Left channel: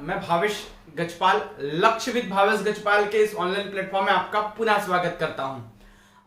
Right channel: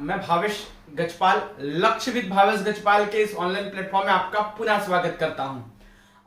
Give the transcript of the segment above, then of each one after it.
मैं भावेश गजपाल, लक्ष्यविद भावेश गजपाल के इस ऑनलाइन प्लेटफॉर्म में आपका पुनः स्वागत करता हूं।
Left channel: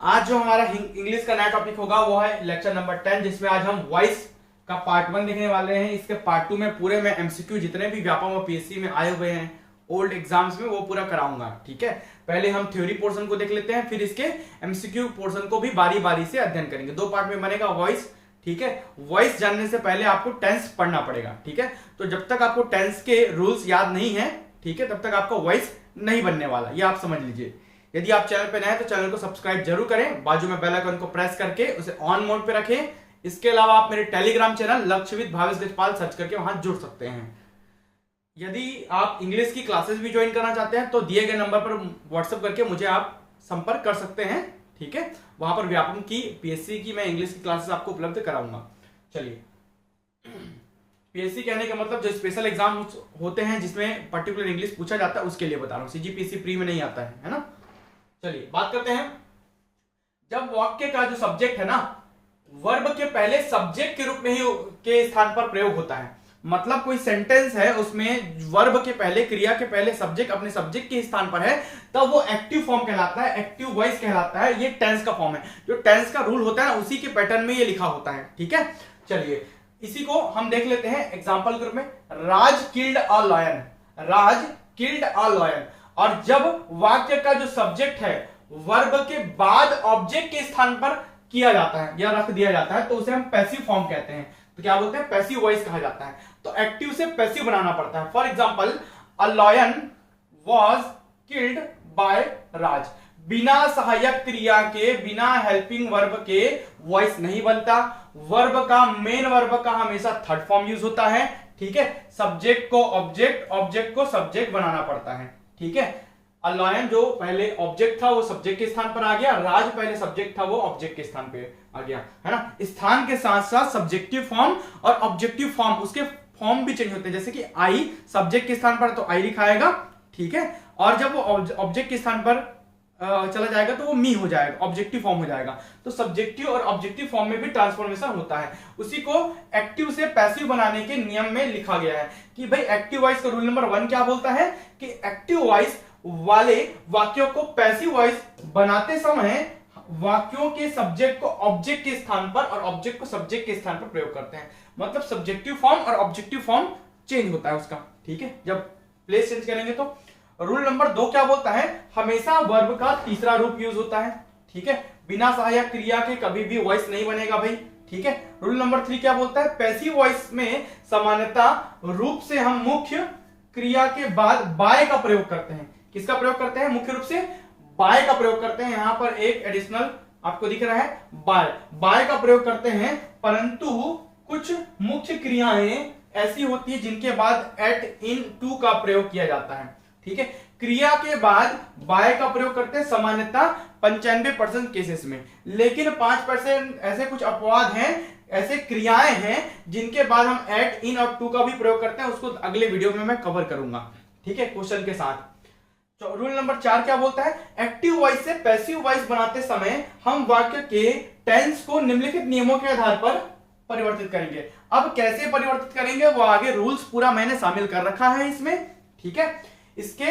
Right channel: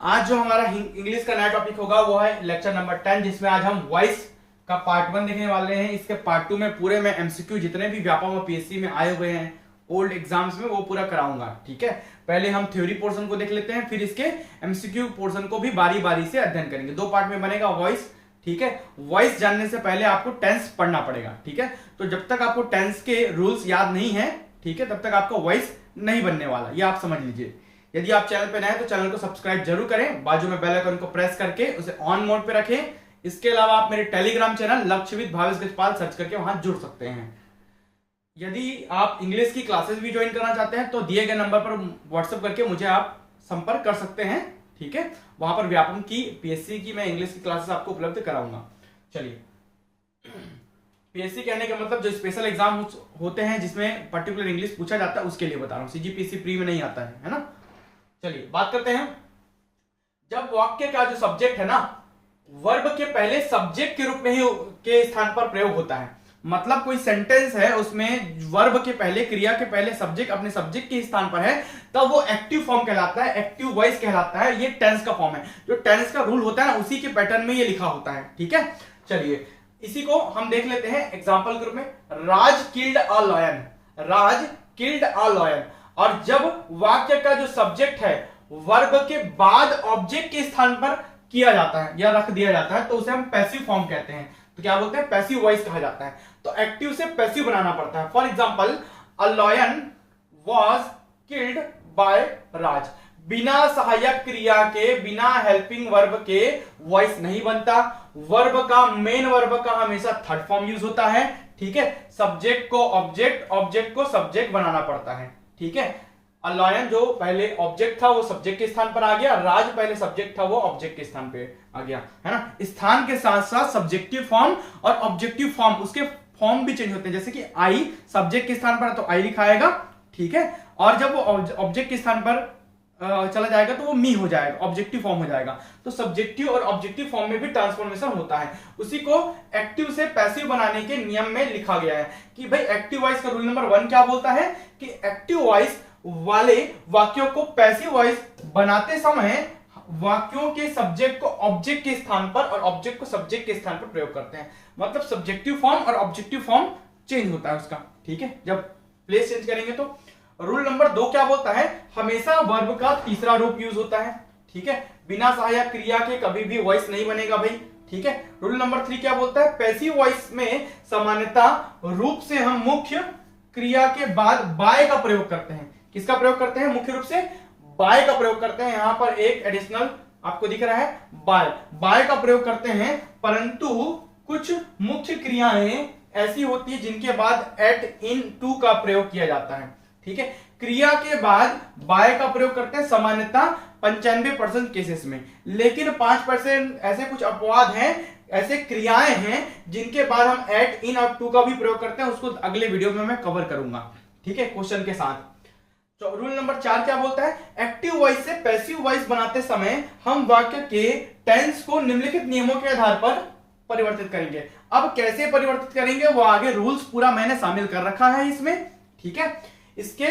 आज जो हमारा इंग्लिश का नया टॉपिक होगा वो है लेक्चर नंबर 10, जिसमें आज हम वॉइस का पार्ट 1 देखने वाले हैं। इसके पार्ट 2 में पूरे में एमसीक्यू जितने भी व्यापम और पीएससी में आए हुए हैं ओल्ड एग्जाम्स में वो पूरा कराऊंगा। ठीक है, पहले हम थ्योरी पोर्शन को देख लेते हैं, फिर इसके एमसीक्यू पोर्शन को भी बारी बारी से अध्ययन करेंगे। 2 पार्ट में बनेगा वॉइस। ठीक है, वॉइस जानने से पहले आपको टेंस पढ़ना पड़ेगा। ठीक है, तो जब तक आपको टेंस के रूल्स याद नहीं है, ठीक है, तब तक आपका वॉइस नहीं बनने वाला, ये आप समझ लीजिए। यदि आप चैनल पे नए हैं तो चैनल को सब्सक्राइब जरूर करें, बाजू में बेल आइकन को प्रेस करके उसे ऑन मोड पे रखें। इसके अलावा आप मेरे Telegram channel Lakshyavid Bhavesh Gajpal search करके वहां जुड़ सकते हैं। यदि आप इंग्लिश की क्लासेस भी ज्वाइन करना चाहते हैं तो दिए गए नंबर पर व्हाट्सएप करके मुझे आप संपर्क कर सकते हैं। ठीक है, वहां पर व्यापम की पीएससी की मैं इंग्लिश की क्लासेस आपको उपलब्ध कराऊंगा। चलिए, पीएससी कहने का मतलब जो स्पेशल एग्जाम होते हैं जिसमें पर्टिकुलर इंग्लिश पूछा जाता है उसके लिए बता रहा हूं। सीजीपीएससी प्री में नहीं आता है ना। चलिए बात करते हैं। जब वाक्य का जो सब्जेक्ट है ना, वर्ब के पहले सब्जेक्ट के रूप में ही के स्थान पर प्रयोग होता है। मतलब कोई सेंटेंस है उसमें वर्ब के पहले, क्रिया के पहले सब्जेक्ट अपने सब्जेक्ट के स्थान पर है, तब वो एक्टिव फॉर्म कहलाता है, एक्टिव वॉइस कहलाता है। ये टेंस का फॉर्म है। जो टेंस का रूल होता है ना, उसी के पैटर्न में ये लिखा होता है। ठीक है, चलिए इसी को हम देख लेते हैं एग्जाम्पल के रूप में। Raj killed a lion, Raj killed a lion. और जब वाक्य का जो सब्जेक्ट है वर्ब के बाद ऑब्जेक्ट के स्थान पर किया जाता है या रख दिया जाता है तो उसे हम पैसिव फॉर्म कहते हैं। तो क्या बोलते हैं? पैसिव वॉइस कहा जाता है। तो एक्टिव से पैसिव बनाना पड़ता है। For example, a lion was killed by Raj. बिना सहायक क्रिया के, बिना हेल्पिंग वर्ब के वॉइस नहीं बनता। वर्ब का, मेन वर्ब का हमेशा थर्ड फॉर्म यूज होता है। ठीक है, सब्जेक्ट को ऑब्जेक्ट, ऑब्जेक्ट को सब्जेक्ट बनाना पड़ता है। ठीक है, अ लायन जो पहले ऑब्जेक्ट था वो सब्जेक्ट के स्थान पर आ गया, राज पहले सब्जेक्ट था वो ऑब्जेक्ट के स्थान पे आ गया, है ना। स्थान के साथ साथ सब्जेक्टिव फॉर्म और ऑब्जेक्टिव फॉर्म, उसके फॉर्म भी चेंज होते हैं। जैसे कि आई सब्जेक्ट के स्थान पर है तो आई लिखाएगा। ठीक है, और जब वो ऑब्जेक्ट के स्थान पर चला जाएगा तो वो मी हो जाएगा, ऑब्जेक्टिव फॉर्म हो जाएगा। तो सब्जेक्टिव और ऑब्जेक्टिव फॉर्म में भी ट्रांसफॉर्मेशन होता है। उसी को एक्टिव से पैसिव बनाने के नियम में लिखा गया है कि भाई एक्टिव वॉइस का रूल नंबर 1 क्या बोलता है कि एक्टिव वॉइस वाले वाक्यों को पैसिव वॉइस बनाते समय वाक्यों के सब्जेक्ट को ऑब्जेक्ट के स्थान पर और ऑब्जेक्ट को सब्जेक्ट के स्थान पर प्रयोग करते हैं। मतलब सब्जेक्टिव फॉर्म और ऑब्जेक्टिव फॉर्म चेंज होता है उसका। ठीक है, जब प्लेस चेंज करेंगे तो। रूल नंबर 2 क्या बोलता है? हमेशा वर्ब का तीसरा रूप यूज होता है। ठीक है, बिना सहायक क्रिया के कभी भी वॉइस नहीं बनेगा भाई। ठीक है, रूल नंबर 3 क्या बोलता है? पैसिव वॉइस में सामान्यता रूप से हम मुख्य क्रिया के बाद बाय का प्रयोग करते हैं। किसका प्रयोग करते हैं? मुख्य रूप से बाय का प्रयोग करते हैं। यहां पर एक एडिशनल आपको दिख रहा है, बाय, बाय का प्रयोग करते हैं। परंतु कुछ मुख्य क्रियाएं ऐसी होती है जिनके बाद एट, इन, टू का प्रयोग किया जाता है। ठीक है, क्रिया के बाद बाय का प्रयोग करते हैं सामान्यता 95% केसेस में, लेकिन 5% ऐसे कुछ अपवाद हैं, ऐसे क्रियाएं हैं जिनके बाद हम एट, इन और टू का भी प्रयोग करते हैं। उसको अगले वीडियो में मैं कवर करूंगा। ठीक है, क्वेश्चन के साथ। तो रूल नंबर 4 क्या बोलता है? एक्टिव वॉइस से पैसिव वॉइस बनाते समय हम वाक्य के टेंस को निम्नलिखित नियमों के आधार पर परिवर्तित करेंगे। अब कैसे परिवर्तित करेंगे वो आगे रूल्स पूरा मैंने शामिल कर रखा है इसमें। ठीक है, इसके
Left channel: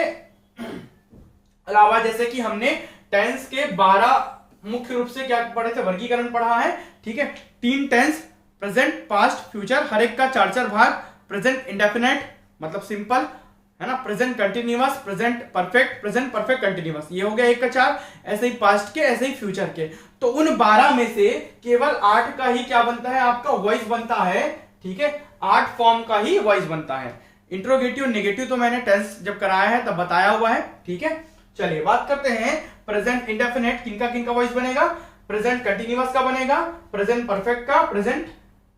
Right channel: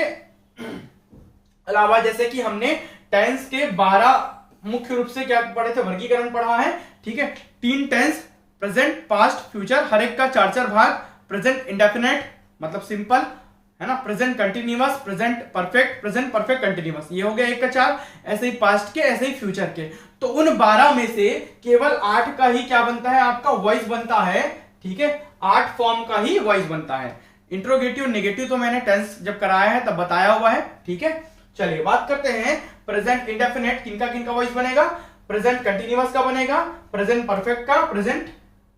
अलावा जैसे कि हमने टेंस के 12 मुख्य रूप से क्या पढ़े थे, वर्गीकरण पढ़ा है। ठीक है, 3 टेंस, प्रेजेंट, पास्ट, फ्यूचर, हर एक का 4 भाग। प्रेजेंट इंडेफिनेट मतलब सिंपल, है ना। Present continuous, present perfect, present perfect continuous, ये हो गया 1 का 4। ऐसे ही पास्ट के, ऐसे ही फ्यूचर के। तो उन 12 में से केवल 8 का ही क्या बनता है? आपका वॉइस बनता है। ठीक है, 8 फॉर्म का ही वॉइस बनता है। इंट्रोगेटिव, नेगेटिव तो मैंने टेंस जब कराया है तब बताया हुआ है। ठीक है, चलिए बात करते हैं प्रेजेंट इंडेफिनेट किनका किनका वॉइस बनेगा। प्रेजेंट कंटिन्यूअस का बनेगा, प्रेजेंट परफेक्ट का, प्रेजेंट,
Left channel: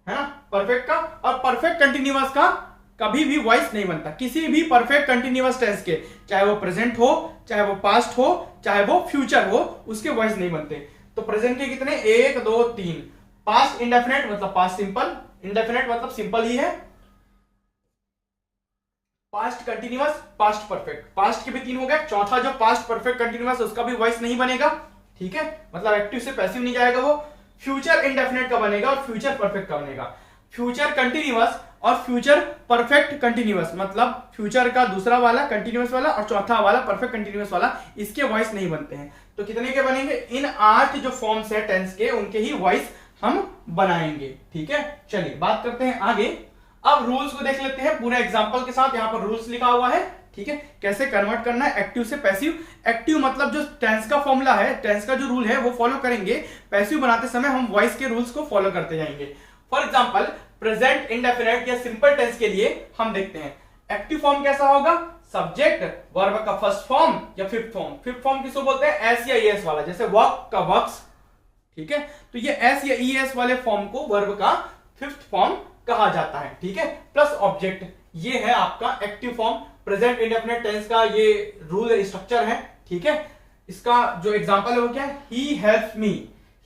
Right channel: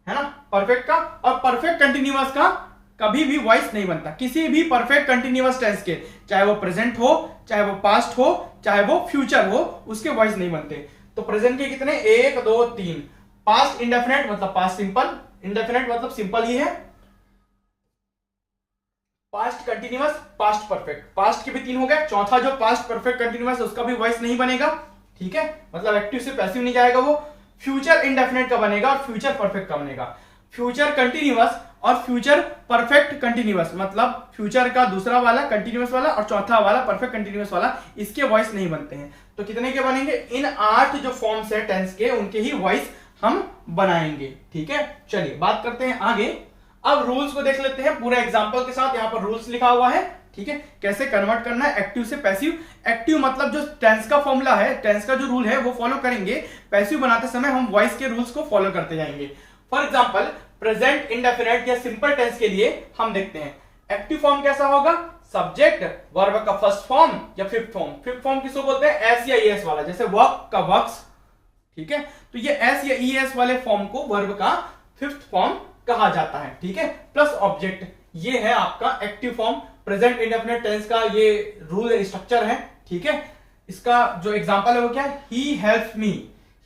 है ना, परफेक्ट का, और परफेक्ट कंटिन्यूअस का कभी भी वॉइस नहीं बनता। किसी भी परफेक्ट कंटिन्यूअस टेंस के, चाहे वो प्रेजेंट हो, चाहे वो पास्ट हो, चाहे वो फ्यूचर हो, उसके वॉइस नहीं बनते। तो प्रेजेंट के कितने? 1 2 3। पास्ट इंडेफिनेट मतलब पास्ट सिंपल, इंडेफिनेट मतलब सिंपल ही है। Past continuous, past perfect, past के भी 3 हो गए। चौथा जो पास्ट परफेक्ट कंटिन्यूअस उसका भी वॉइस नहीं बनेगा। ठीक है, मतलब एक्टिव से पैसिव नहीं जाएगा वो। फ्यूचर इंडेफिनेट का बनेगा और फ्यूचर परफेक्ट का बनेगा। फ्यूचर कंटिन्यूअस और फ्यूचर परफेक्ट कंटिन्यूअस, मतलब फ्यूचर का दूसरा वाला कंटिन्यूअस वाला और चौथा वाला परफेक्ट कंटिन्यूअस वाला, इसके वॉइस नहीं बनते हैं। तो कितने के बनेंगे? इन 8 जो फॉर्म्स है टेंस के, उनके ही वॉइस हम बनाएंगे। ठीक है, चलिए बात करते हैं आगे। अब रूल्स को देख लेते हैं पूरे एग्जांपल के साथ। यहां पर रूल्स लिखा हुआ है, ठीक है, कैसे कन्वर्ट करना है एक्टिव से पैसिव। एक्टिव मतलब जो टेंस का फॉर्मूला है, टेंस का जो रूल है वो फॉलो करेंगे। पैसिव बनाते समय हम वॉइस के रूल्स को फॉलो करते जाएंगे। फॉर एग्जांपल प्रेजेंट इंडेफिनिट या सिंपल टेंस के लिए हम देखते हैं एक्टिव फॉर्म कैसा होगा? सब्जेक्ट वर्ब का फर्स्ट फॉर्म या फिफ्थ फॉर्म। फिफ्थ फॉर्म किसको बोलते हैं? एस या ईएस वाला, जैसे वर्क का वर्क्स। ठीक है, तो ये एस या ईएस वाले फॉर्म को वर्ब का फिफ्थ फॉर्म कहा जाता है। ठीक है, प्लस ऑब्जेक्ट, ये है आपका active form. Present indefinite tense का ये रूल स्ट्रक्चर है। ठीक है, इसका जो एग्जांपल है वो क्या है? He helps me.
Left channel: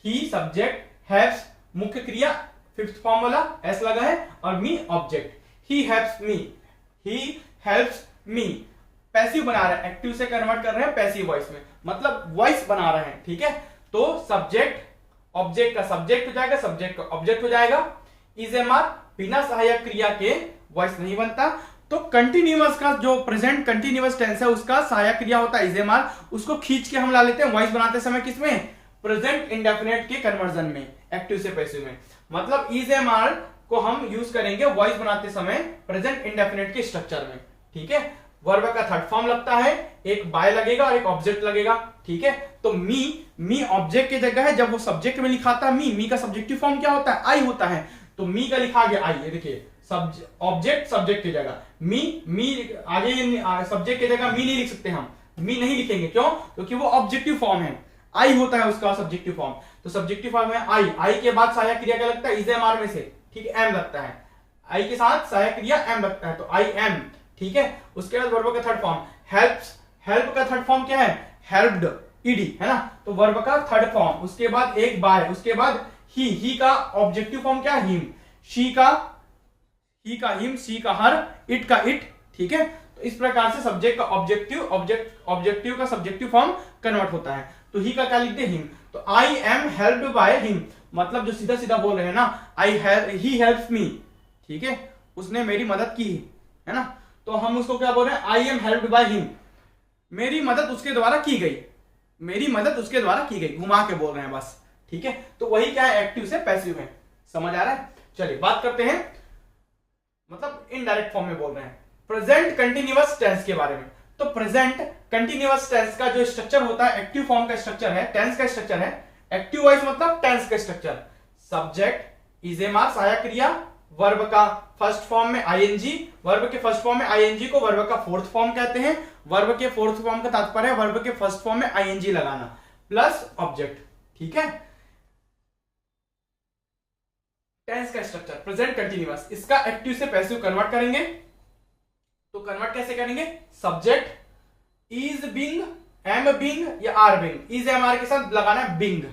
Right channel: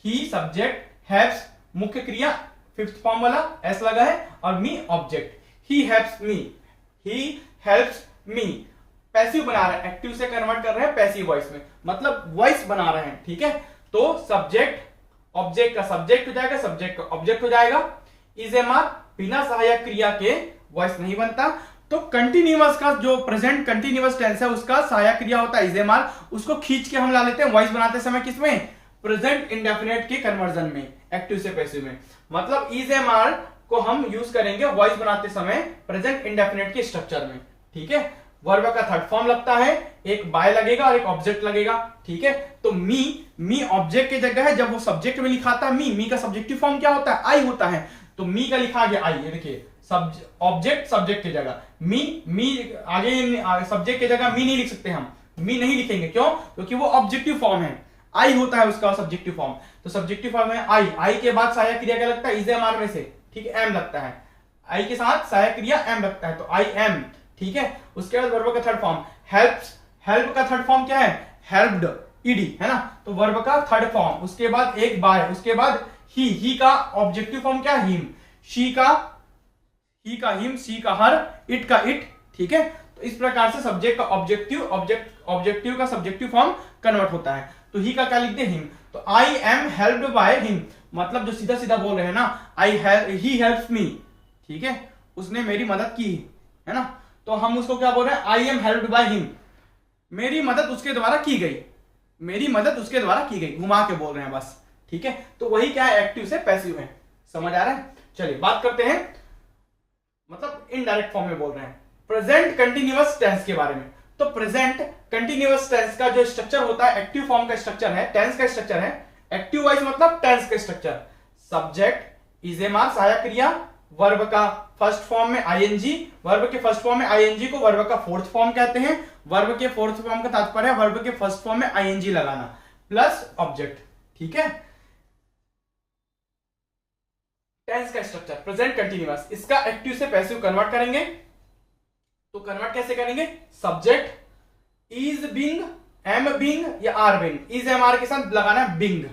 He subject, helps मुख्य क्रिया, फिफ्थ फॉर्म वाला एस लगा है, और me object. He helps me, he helps me. Passive बना रहे हैं, एक्टिव से कन्वर्ट कर रहे हैं पैसिव वॉइस में, मतलब वॉइस बना रहे हैं। ठीक है, तो सब्जेक्ट ऑब्जेक्ट का सब्जेक्ट हो जाएगा, सब्जेक्ट का ऑब्जेक्ट हो जाएगा। इज एम आर बिना सहायक क्रिया के वॉइस नहीं बनता। तो कंटिन्यूअस का जो प्रेजेंट कंटिन्यूअस टेंस है उसका सहायक क्रिया होता है इज एम आर, उसको खींच के हम ला लेते हैं वॉइस बनाते समय किसमें? प्रेजेंट इंडेफिनिट के कन्वर्जन में, एक्टिव से पैसिव में। मतलब इज एम आर को हम यूज करेंगे वॉइस बनाते समय प्रेजेंट इंडेफिनिट के स्ट्रक्चर में। ठीक है, वर्ब का थर्ड फॉर्म लगता है, एक बाय लगेगा और एक ऑब्जेक्ट लगेगा। ठीक है, तो मी ऑब्जेक्ट की जगह है, जब वो सब्जेक्ट में लिखा था मी का सब्जेक्टिव फॉर्म क्या होता है? आई होता है। तो मी का लिखा गया आई, ये देखिए ऑब्जेक्ट सब्जेक्ट की जगह मी आगे सब्जेक्ट की जगह मी नहीं लिख सकते हम, मी नहीं लिखेंगे। क्यों? क्योंकि वो ऑब्जेक्टिव फॉर्म है, आई होता है उसका सब्जेक्टिव फॉर्म। तो सब्जेक्टिव फॉर्म है आई के बाद सहायक क्रिया क्या लगता है? इज एम आर में से, ठीक है, एम लगता है। आई के साथ सहायक क्रिया एम लगता है, तो आई एम। ठीक है, उसके बाद वर्ब का थर्ड फॉर्म हेल्प्स, हेल्प का थर्ड फॉर्म क्या है? हेल्प्ड, ईडी, है ना। तो वर्ब का थर्ड फॉर्म, उसके बाद एक बाय, उसके बाद ही का ऑब्जेक्टिव फॉर्म क्या है? हिम। ही का हिम, सी का हर, इट का इट। ठीक है, तो इस प्रकार से सब्जेक्ट का ऑब्जेक्टिव का सब्जेक्टिव फॉर्म कन्वर्ट होता है। तो ही का क्या लिखते हैं? हिम। तो I am helped by him, मतलब जो सीधा सीधा बोल रहे हैं ना, ही हेल्प्स मी। ठीक है, उसने मेरी मदद की, है ना। तो हम उसको क्या बोल रहे हैं? I am helped by him, मेरी मदद उसके द्वारा की गई, मेरी मदद उसके द्वारा की गई, घुमा के बोल रहे हैं बस। ठीक है, तो वही क्या है? एक्टिव से पैसिव में। समझ आ रहा है? चलिए बात करते हैं, मतलब इनडायरेक्ट फॉर्म में बोल रहे हैं प्रेजेंट कंटिन्यूअस टेंस के बारे में। तो प्रेजेंट कंटिन्यूअस टेंस का जो स्ट्रक्चर होता है, एक्टिव फॉर्म का स्ट्रक्चर है, टेंस का स्ट्रक्चर है। एक्टिव वॉइस मतलब टेंस का structure, subject is am are सहायक क्रिया, वर्ब का फर्स्ट फॉर्म में आईएनजी, वर्ब के फर्स्ट फॉर्म में आईएनजी को वर्ब का फोर्थ फॉर्म कहते हैं। वर्ब के फोर्थ फॉर्म का तात्पर्य है वर्ब के फर्स्ट फॉर्म में आईएनजी लगाना, प्लस ऑब्जेक्ट। ठीक है, टेंस का स्ट्रक्चर प्रेजेंट कंटिन्यूअस, इसका एक्टिव से पैसिव कन्वर्ट करेंगे। तो कन्वर्ट कैसे करेंगे? Subject is being, am being या are being, is am are के साथ लगाना है बिंग।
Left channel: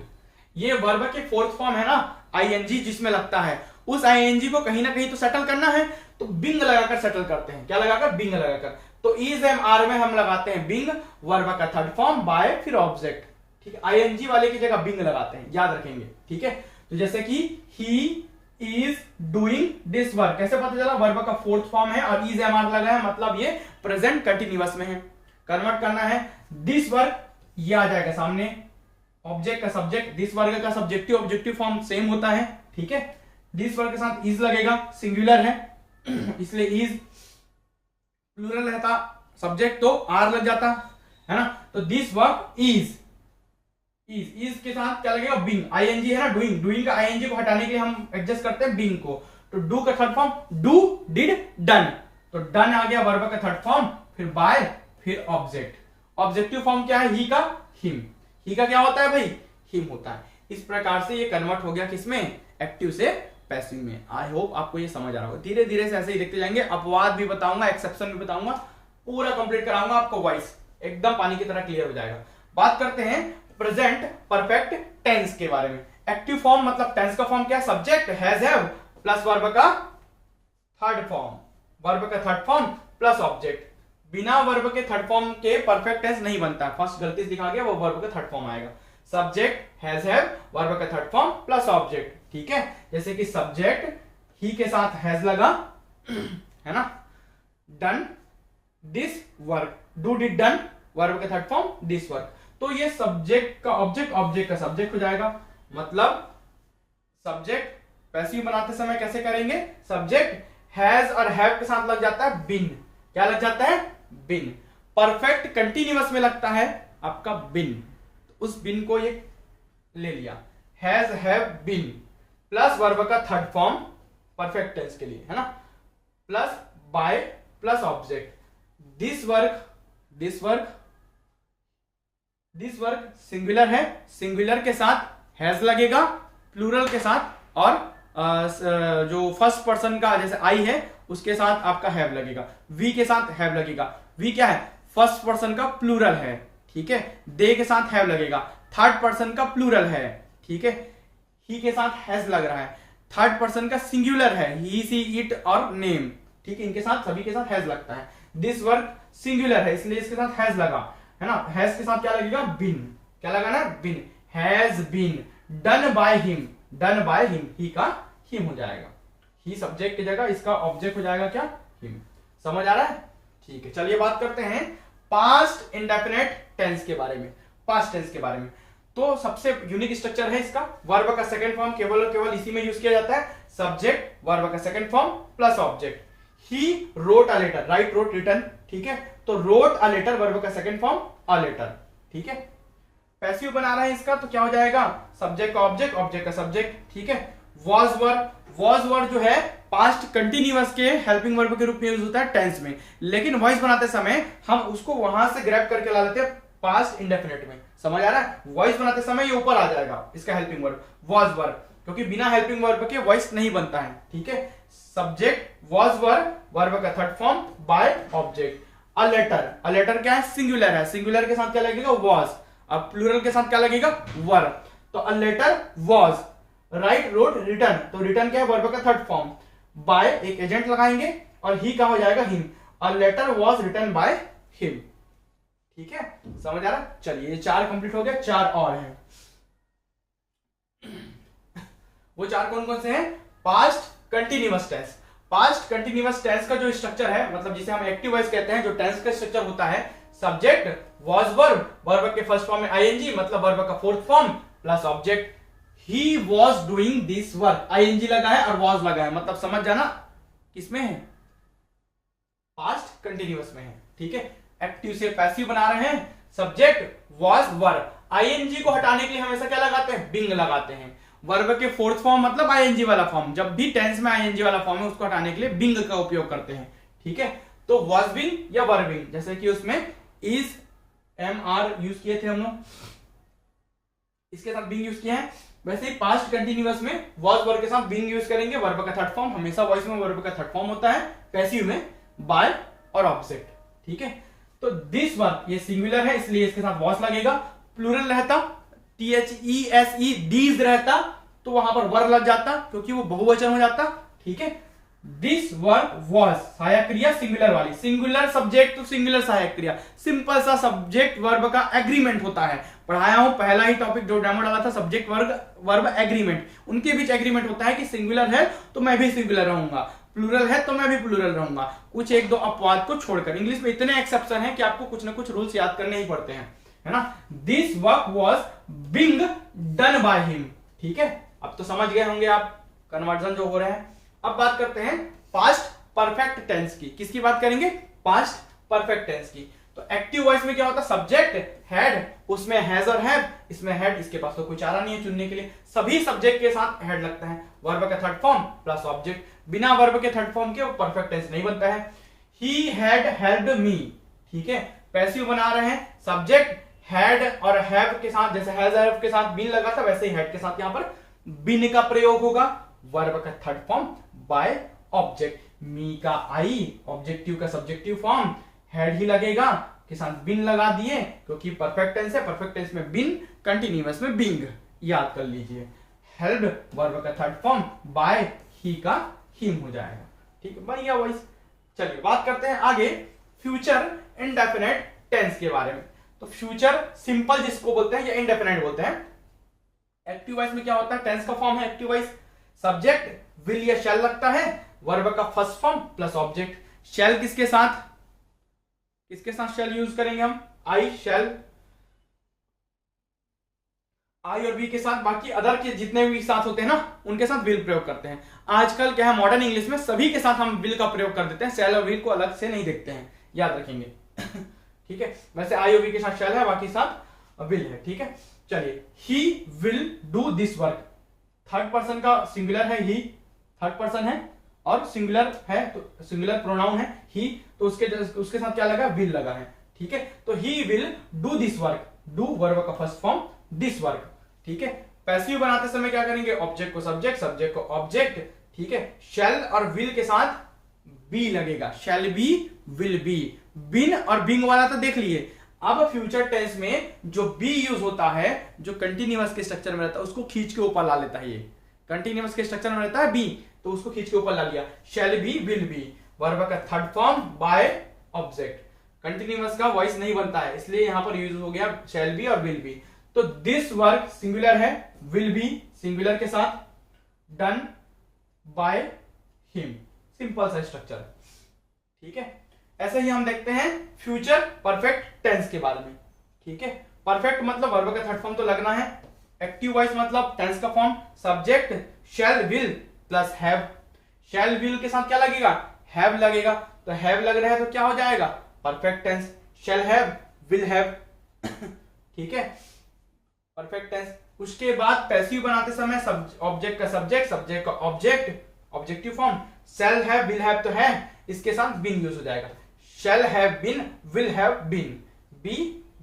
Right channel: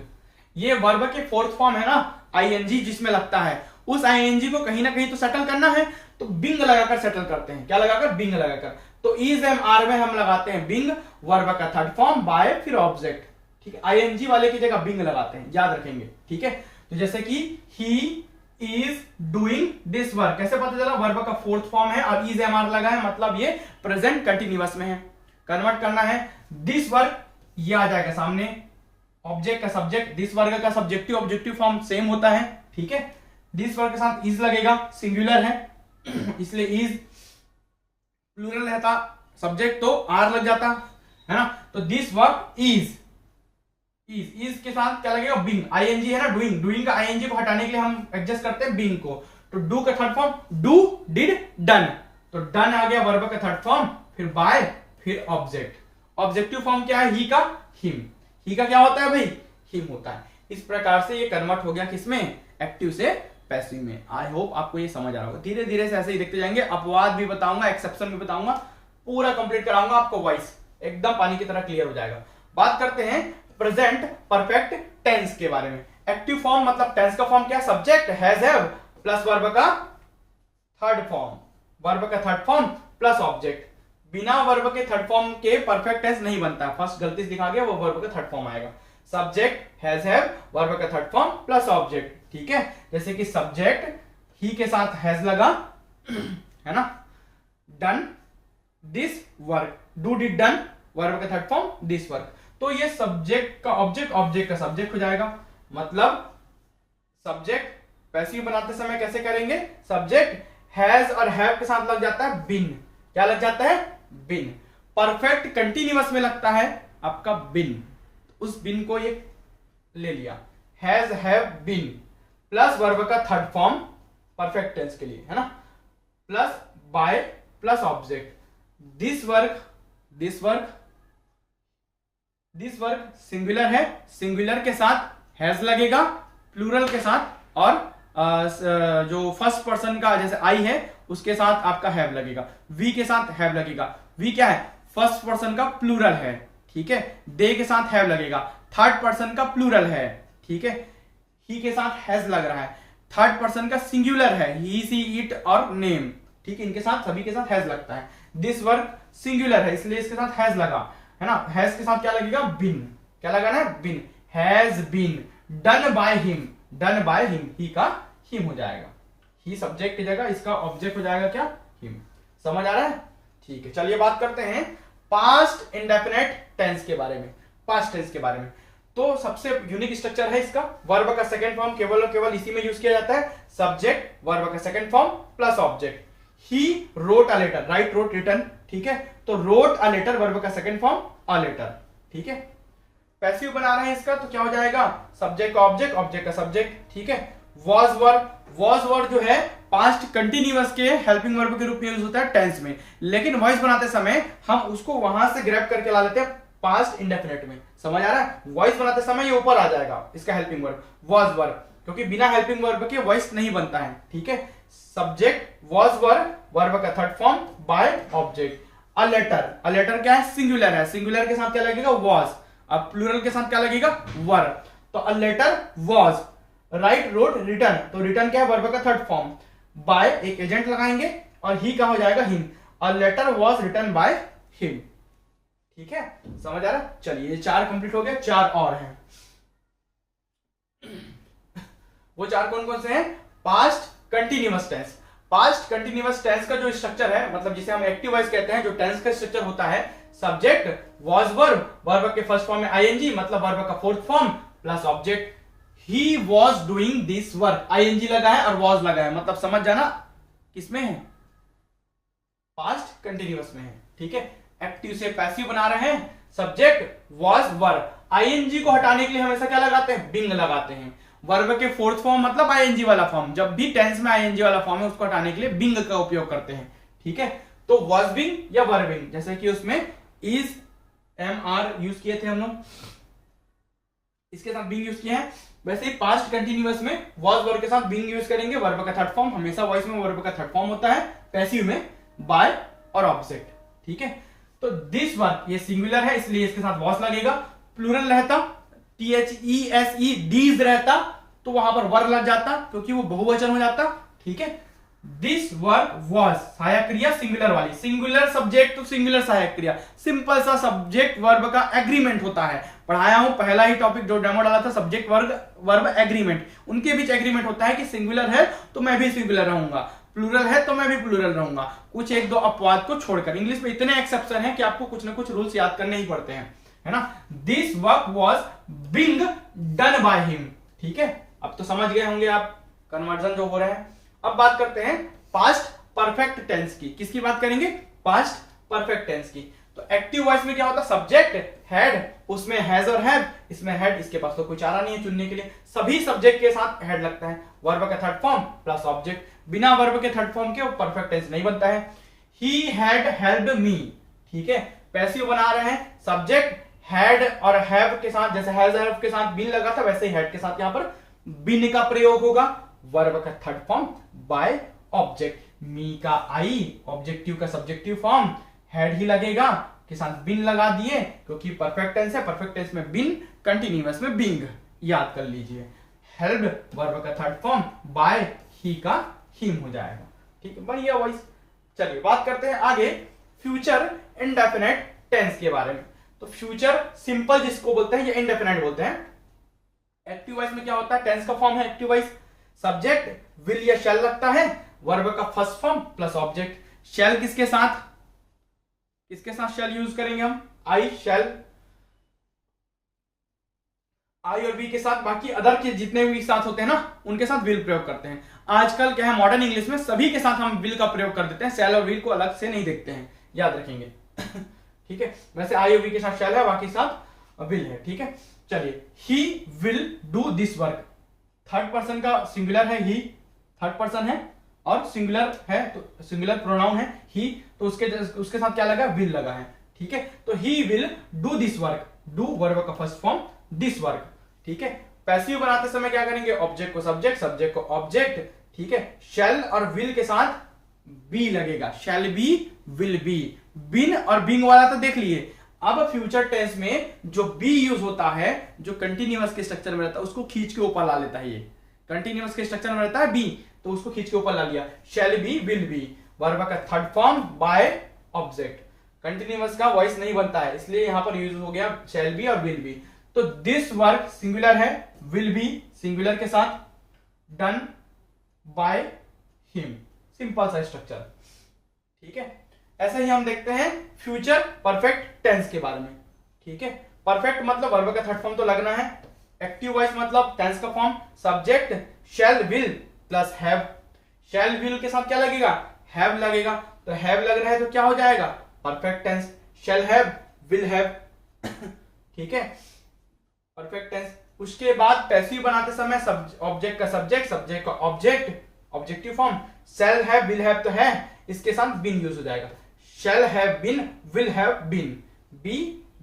ये वर्ब के फोर्थ फॉर्म है ना, आईएनजी जिसमें लगता है, उस आईएनजी को कहीं ना कहीं तो सेटल करना है, तो बिंग लगाकर सेटल करते हैं। क्या लगाकर? बिंग लगाकर। तो इज एम आर में हम लगाते हैं बिंग, वर्ब का थर्ड फॉर्म बाय, फिर ऑब्जेक्ट। ठीक है, आईएनजी वाले की जगह बिंग लगाते हैं, याद रखेंगे। ठीक है, तो जैसे कि he is doing this work, कैसे पता चला? वर्ब का फोर्थ फॉर्म है और इज एम आर लगा है, मतलब ये प्रेजेंट कंटिन्यूअस में है। कन्वर्ट करना है दिस वर्क, ये आ जाएगा सामने, ऑब्जेक्ट का सब्जेक्ट, दिस वर्ग का सब्जेक्टिव ऑब्जेक्टिव फॉर्म सेम होता है। ठीक है, दिस वर्ग के साथ इज लगेगा, सिंगुलर है इसलिए इज, प्लूरल रहता सब्जेक्ट तो आर लग जाता, है ना। तो दिस वर्क इज के साथ क्या लगेगा? बिंग, आईएनजी है ना, डूइंग का आईएनजी को हटाने के लिए हम एडजस्ट करते हैं बिंग को। तो डू का third form do, did, done. तो डन आ गया वर्ब का थर्ड फॉर्म, फिर बाय, फिर ऑब्जेक्ट। ऑब्जेक्टिव फॉर्म क्या है? ही का हिम। ही का क्या होता है भाई? हिम होता है। इस प्रकार से ये कन्वर्ट हो गया किसमें? एक्टिव से पैसिव में। आई होप आपको ये समझ आ रहा होगा। धीरे धीरे से ऐसे ही देखते जाएंगे, अपवाद भी बताऊंगा, एक्सेप्शन भी बताऊंगा, पूरा कंप्लीट कराऊंगा आपको, वॉइस एकदम पानी की तरह क्लियर हो जाएगा। बात करते हैं प्रेजेंट परफेक्ट टेंस के बारे में। एक्टिव फॉर्म मतलब टेंस का फॉर्म क्या? Subject has, have plus verb का थर्ड फॉर्म, वर्ब का थर्ड फॉर्म प्लस ऑब्जेक्ट। बिना वर्ब के थर्ड फॉर्म के परफेक्ट टेंस नहीं बनता। फर्स्ट गलती से दिखा गया, वो वर्ब का थर्ड फॉर्म आएगा। सब्जेक्ट हैज, हैव, वर्ब का थर्ड फॉर्म प्लस ऑब्जेक्ट। ठीक है, जैसे कि सब्जेक्ट ही के साथ हैज लगा, है ना। Done this work, do did done, verb का थर्ड फॉर्म दिस वर्क। तो ये सब्जेक्ट का ऑब्जेक्ट, ऑब्जेक्ट का सब्जेक्ट हो जाएगा। मतलब सब्जेक्ट पैसिव बनाते समय कैसे करेंगे, सब्जेक्ट हैज और हैव के साथ लग जाता है बिन। क्या लग जाता है, बिन। परफेक्ट कंटिन्यूअस में लगता है आपका बिन, उस बिन को ये ले लिया, has have been plus verb का थर्ड फॉर्म परफेक्ट टेंस के लिए, है ना, plus by plus object. This work, this work, this work singular है, सिंगुलर के साथ हैज लगेगा, प्लूरल के साथ और जो फर्स्ट पर्सन का जैसे आई है उसके साथ आपका हैव लगेगा, वी के साथ हैव लगेगा। वी क्या है, फर्स्ट पर्सन का प्लूरल है, ठीक है। दे के साथ हैव लगेगा, थर्ड पर्सन का प्लूरल है, ठीक है। ही के साथ हैज लग रहा है, थर्ड पर्सन का सिंगुलर है, ही सी इट और नेम, ठीक है। इनके साथ सभी के साथ हैज लगता है। दिस वर्क सिंगुलर है इसलिए इसके साथ हैज लगा, है ना। हैज के साथ क्या लगेगा, बिन। क्या लगाना है, been. Has been done by him, done by him, he का हिम हो जाएगा। ही सब्जेक्ट की जगह इसका ऑब्जेक्ट हो जाएगा क्या, हिम। समझ आ रहा है, ठीक है। चलिए बात करते हैं पास्ट इंडेफिनेट टेंस के बारे में, पास्ट टेंस के बारे में। तो सबसे यूनिक स्ट्रक्चर है इसका, वर्ब का सेकंड फॉर्म केवल और केवल इसी में यूज किया जाता है, सब्जेक्ट वर्ब का second form plus object. He wrote a letter, write wrote written, ठीक है। तो रोट अ लेटर वर्ब का सेकंड फॉर्म अ लेटर, ठीक है। पैसिव बना रहे हैं इसका तो क्या हो जाएगा, सब्जेक्ट का ऑब्जेक्ट, ऑब्जेक्ट का सब्जेक्ट, ठीक है। वॉज वर्ब, वॉज वर्ब जो है पास्ट कंटिन्यूअस के हेल्पिंग वर्ब के रूप में यूज होता है टेंस में, लेकिन वॉइस बनाते समय हम उसको वहां से ग्रैब करके ला लेते हैं पास्ट इंडेफिनिट में। समझ आ रहा है, वॉइस बनाते समय ये ऊपर आ जाएगा इसका हेल्पिंग वर्ब वॉज वर्ब, क्योंकि बिना हेल्पिंग वर्ब के वॉइस नहीं बनता है, ठीक है। सब्जेक्ट वॉज वर्ब, वर्ब का third form by object. A letter, a letter क्या है, सिंगुलर है, सिंगुलर के साथ क्या लगेगा, वॉज। अब प्लूरल के साथ क्या लगेगा, वर। तो a letter was, write wrote written, तो रिटर्न क्या है, वर्ब का थर्ड फॉर्म। बाय एक एजेंट लगाएंगे और ही का हो जाएगा him. A letter was written by him, ठीक है। समझ आ रहा है, चलिए ये 4 कंप्लीट हो गया, 4 और हैं। वो 4 कौन कौन से हैं, past continuous tense. Past continuous tense का जो स्ट्रक्चर है, मतलब जिसे हम एक्टिव वॉइस कहते हैं, जो टेंस का स्ट्रक्चर होता है, सब्जेक्ट वॉज वर्ब, वर्ब के फर्स्ट फॉर्म में आईएनजी मतलब वर्ब का fourth form plus object. He was doing this work, ING लगा है और वॉज लगा है, मतलब समझ जाना किसमें है, पास्ट कंटिन्यूअस में है, ठीक है। एक्टिव से पैसिव बना रहे हैं, सब्जेक्ट वॉज वर्ब, आईएनजी को हटाने के लिए हमेशा क्या लगाते हैं, बिंग लगाते हैं। वर्ब के फोर्थ फॉर्म मतलब आईएनजी वाला फॉर्म, जब भी टेंस में आईएनजी वाला फॉर्म है उसको हटाने के लिए बिंग का उपयोग करते हैं, ठीक है। तो वॉज बिंग या वर बिंग, जैसे कि उसमें इज एम आर यूज किए थे हम लोग, इसके साथ बिंग यूज किए हैं, वैसे ही पास्ट कंटिन्यूअस में वॉज वर्ब के साथ बिंग यूज करेंगे। वर्ब का थर्ड फॉर्म हमेशा वॉइस में वर्ब का थर्ड फॉर्म होता है, पैसिव में बाय और ऑब्जेक्ट, ठीक है। तो दिस वर्क ये सिंगुलर है इसलिए इसके साथ वॉज लगेगा। प्लूरल रहता THESE दीज रहता तो वहां पर वर लग जाता क्योंकि वो बहुवचन हो जाता, ठीक है। दिस वर्क वॉज सहायक क्रिया सिंगुलर वाली, सिंगुलर सब्जेक्ट तो सिंगुलर सहायक क्रिया, सिंपल सा सब्जेक्ट वर्ब का एग्रीमेंट होता है। पढ़ाया हूं पहला ही टॉपिक जो डेमो डाला था, सब्जेक्ट वर्ब एग्रीमेंट, उनके बीच एग्रीमेंट होता है कि सिंगुलर है तो मैं भी सिंगुलर रहूंगा, प्लूरल है तो मैं भी प्लूरल रहूंगा, कुछ एक दो अपवाद को छोड़कर। इंग्लिश में इतने एक्सेप्शन है कि आपको कुछ ना कुछ रूल्स याद करने ही पड़ते हैं, है ना। This work was being done by him, ठीक है। अब तो समझ गए होंगे आप कन्वर्जन जो हो रहा है। अब बात करते हैं पास्ट परफेक्ट टेंस की, किसकी बात करेंगे, पास्ट परफेक्ट टेंस की। तो एक्टिव वॉइस में क्या होता है, सब्जेक्ट हैड, उसमें हैज और हैव, इसमें हैड, इसके पास तो कोई चारा नहीं है चुनने के लिए, सभी सब्जेक्ट के साथ हैड लगता है। वर्ब का थर्ड फॉर्म प्लस ऑब्जेक्ट, बिना वर्ब के थर्ड फॉर्म के वो परफेक्ट टेंस नहीं बनता है। ही हैड हेल्प्ड मी, ठीक है, पैसिव बना रहे हैं, सब्जेक्ट हैड और हैव के साथ, जैसे हैज हैव के साथ बिन लगा था वैसे ही हैड के साथ यहां पर बिन का प्रयोग होगा। वर्ब का थर्ड फॉर्म बाय ऑब्जेक्ट, मी का आई ऑब्जेक्टिव का सब्जेक्टिव फॉर्म, हैड ही लगेगा के साथ बिन लगा दिए क्योंकि परफेक्ट टेंस है, परफेक्ट टेंस में बिन, कंटिन्यूअस में बिंग, याद कर लीजिए। हेल्प्ड वर्ब का थर्ड फॉर्म बाय ही का हिम हो जाएगा, ठीक है, बढ़िया वॉइस। चलिए बात करते हैं आगे फ्यूचर इंडेफिनिट टेंस के बारे में। तो फ्यूचर सिंपल जिसको बोलते हैं या इंडेफिनिट बोलते हैं। एक्टिव वॉइस में क्या होता है, टेंस का फॉर्म है एक्टिव वॉइस, सब्जेक्ट विल या शैल लगता है, वर्ब का फर्स्ट फॉर्म प्लस ऑब्जेक्ट। शैल किसके साथ शैल यूज करेंगे हम, आई शैल, आई और वी के साथ, बाकी अदर के जितने भी साथ होते हैं ना उनके साथ विल प्रयोग करते हैं। आजकल क्या है, मॉडर्न इंग्लिश में सभी के साथ हम विल का प्रयोग कर देते हैं, शैल और विल को अलग से नहीं देखते हैं, याद रखेंगे। ठीक है, वैसे आई और वी के साथ शैल है, बाकी साथ विल है। ठीक है, चलिए, he will do this work, third person का सिंगुलर है, ही थर्ड पर्सन है और सिंगुलर है, तो सिंगुलर प्रोनाउन है ही, तो उसके साथ क्या लगा, विल लगा है। ठीक है, तो he will do this work, do verb का फर्स्ट फॉर्म, दिस वर्क। ठीक है, पैसिव बनाते समय क्या करेंगे, ऑब्जेक्ट को सब्जेक्ट, सब्जेक्ट को ऑब्जेक्ट। ठीक है, शैल और विल के साथ बी लगेगा, शैल बी, विल बी। बिन और बिंग वाला तो देख लिए। अब फ्यूचर टेंस में जो बी यूज होता है, जो कंटिन्यूअस के स्ट्रक्चर में रहता है, उसको खींच के ऊपर ला लेता है। ये कंटिन्यूअस के स्ट्रक्चर में रहता है बी, तो उसको खींच के ऊपर ला लिया, shall be, will be, verb का third form by object. Continuous का वॉइस नहीं बनता है, इसलिए यहां पर यूज हो गया शैल बी और विल बी। तो दिस वर्क सिंगुलर है, विल बी सिंगुलर के साथ, डन बाय हिम, सिंपल सा स्ट्रक्चर। ठीक है, ऐसे ही हम देखते हैं फ्यूचर परफेक्ट टेंस के बारे में। ठीक है, परफेक्ट मतलब वर्ब का थर्ड फॉर्म तो लगना है, एक्टिव वॉइस मतलब टेंस का form, subject shell will plus have, shell will के साथ क्या लगेगा, हैव लगेगा, तो हैव लग रहा है तो क्या हो जाएगा, perfect tense, shall have, will have. ठीक है, परफेक्ट टेंस। उसके बाद पैसिव बनाते समय ऑब्जेक्ट का सब्जेक्ट, सब्जेक्ट का object, objective form, shall have, will have तो है, इसके साथ बीन यूज हो जाएगा, shall have been, will have been, be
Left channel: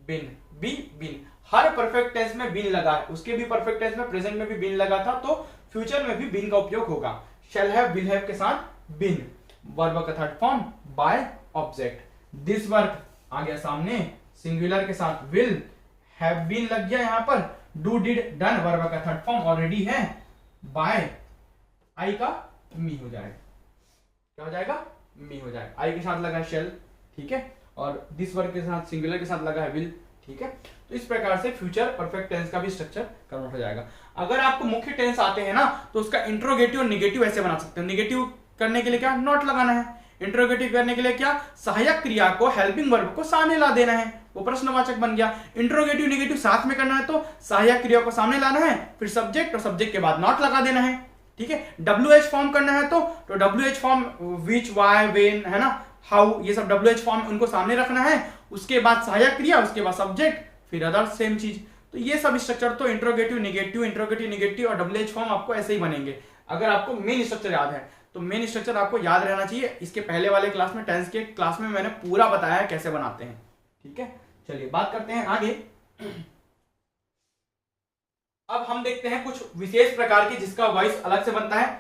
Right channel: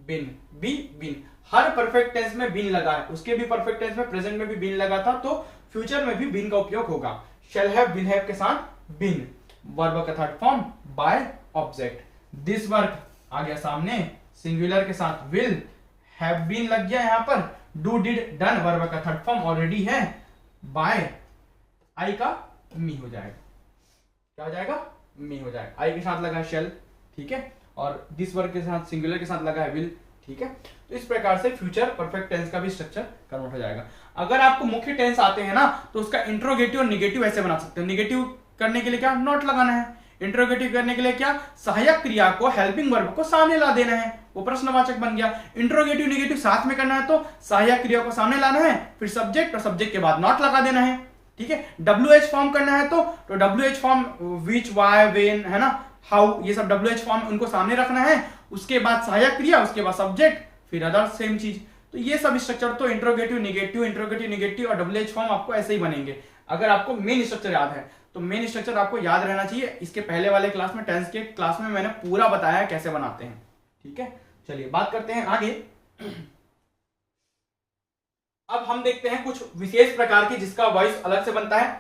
been, be been. हर परफेक्ट टेंस में बीन लगा है, उसके भी परफेक्ट टेंस में प्रेजेंट में भी बीन लगा था, तो फ्यूचर में भी बीन का उपयोग होगा। शैल हैव, विल हैव के साथ बीन, वर्ब का third form by object. This work आ गया सामने, सिंगुलर के साथ विल, हैव बीन लग गया यहां पर, डू डिड डन, वर्ब का थर्ड फॉर्म ऑलरेडी है, बाय आई का मी हो जाएगा, क्या हो जाएगा, मी हो जाएगा, आई के साथ लगा है शेल। ठीक है, और दिस वर्क के साथ सिंगुलर के साथ लगा है विल। ठीक है, तो इस प्रकार से फ्यूचर परफेक्ट टेंस का भी स्ट्रक्चर कन्वर्ट हो जाएगा। अगर आपको मुख्य टेंस आते हैं ना, तो उसका इंट्रोगेटिव और निगेटिव ऐसे बना सकते हो। निगेटिव करने के लिए क्या, नॉट लगाना है, इंट्रोगेटिव करने के लिए क्या, सहायक क्रिया को, हेल्पिंग वर्ब को सामने ला देना है, वो प्रश्नवाचक बन गया। इंट्रोगेटिव निगेटिव साथ में करना है तो सहायक क्रिया को सामने लाना है, फिर सब्जेक्ट और सब्जेक्ट के बाद नॉट लगा देना है। ठीक है, WH फॉर्म करना है तो WH form, which, why, when, है ना, हाउ, ये सब WH फॉर्म उनको सामने रखना है, उसके बाद सहायक क्रिया, उसके बाद सब्जेक्ट, फिर अदर सेम चीज। तो ये सब स्ट्रक्चर तो इंट्रोगेटिव निगेटिव और WH फॉर्म आपको ऐसे ही बनेंगे। अगर आपको मेन स्ट्रक्चर याद है तो मेन स्ट्रक्चर आपको याद रहना चाहिए। इसके पहले वाले क्लास में, टेंस के क्लास में मैंने पूरा बताया है कैसे बनाते हैं। ठीक है, चलिए बात करते हैं आगे। अब हम देखते हैं कुछ विशेष प्रकार की जिसका वॉइस अलग से बनता है।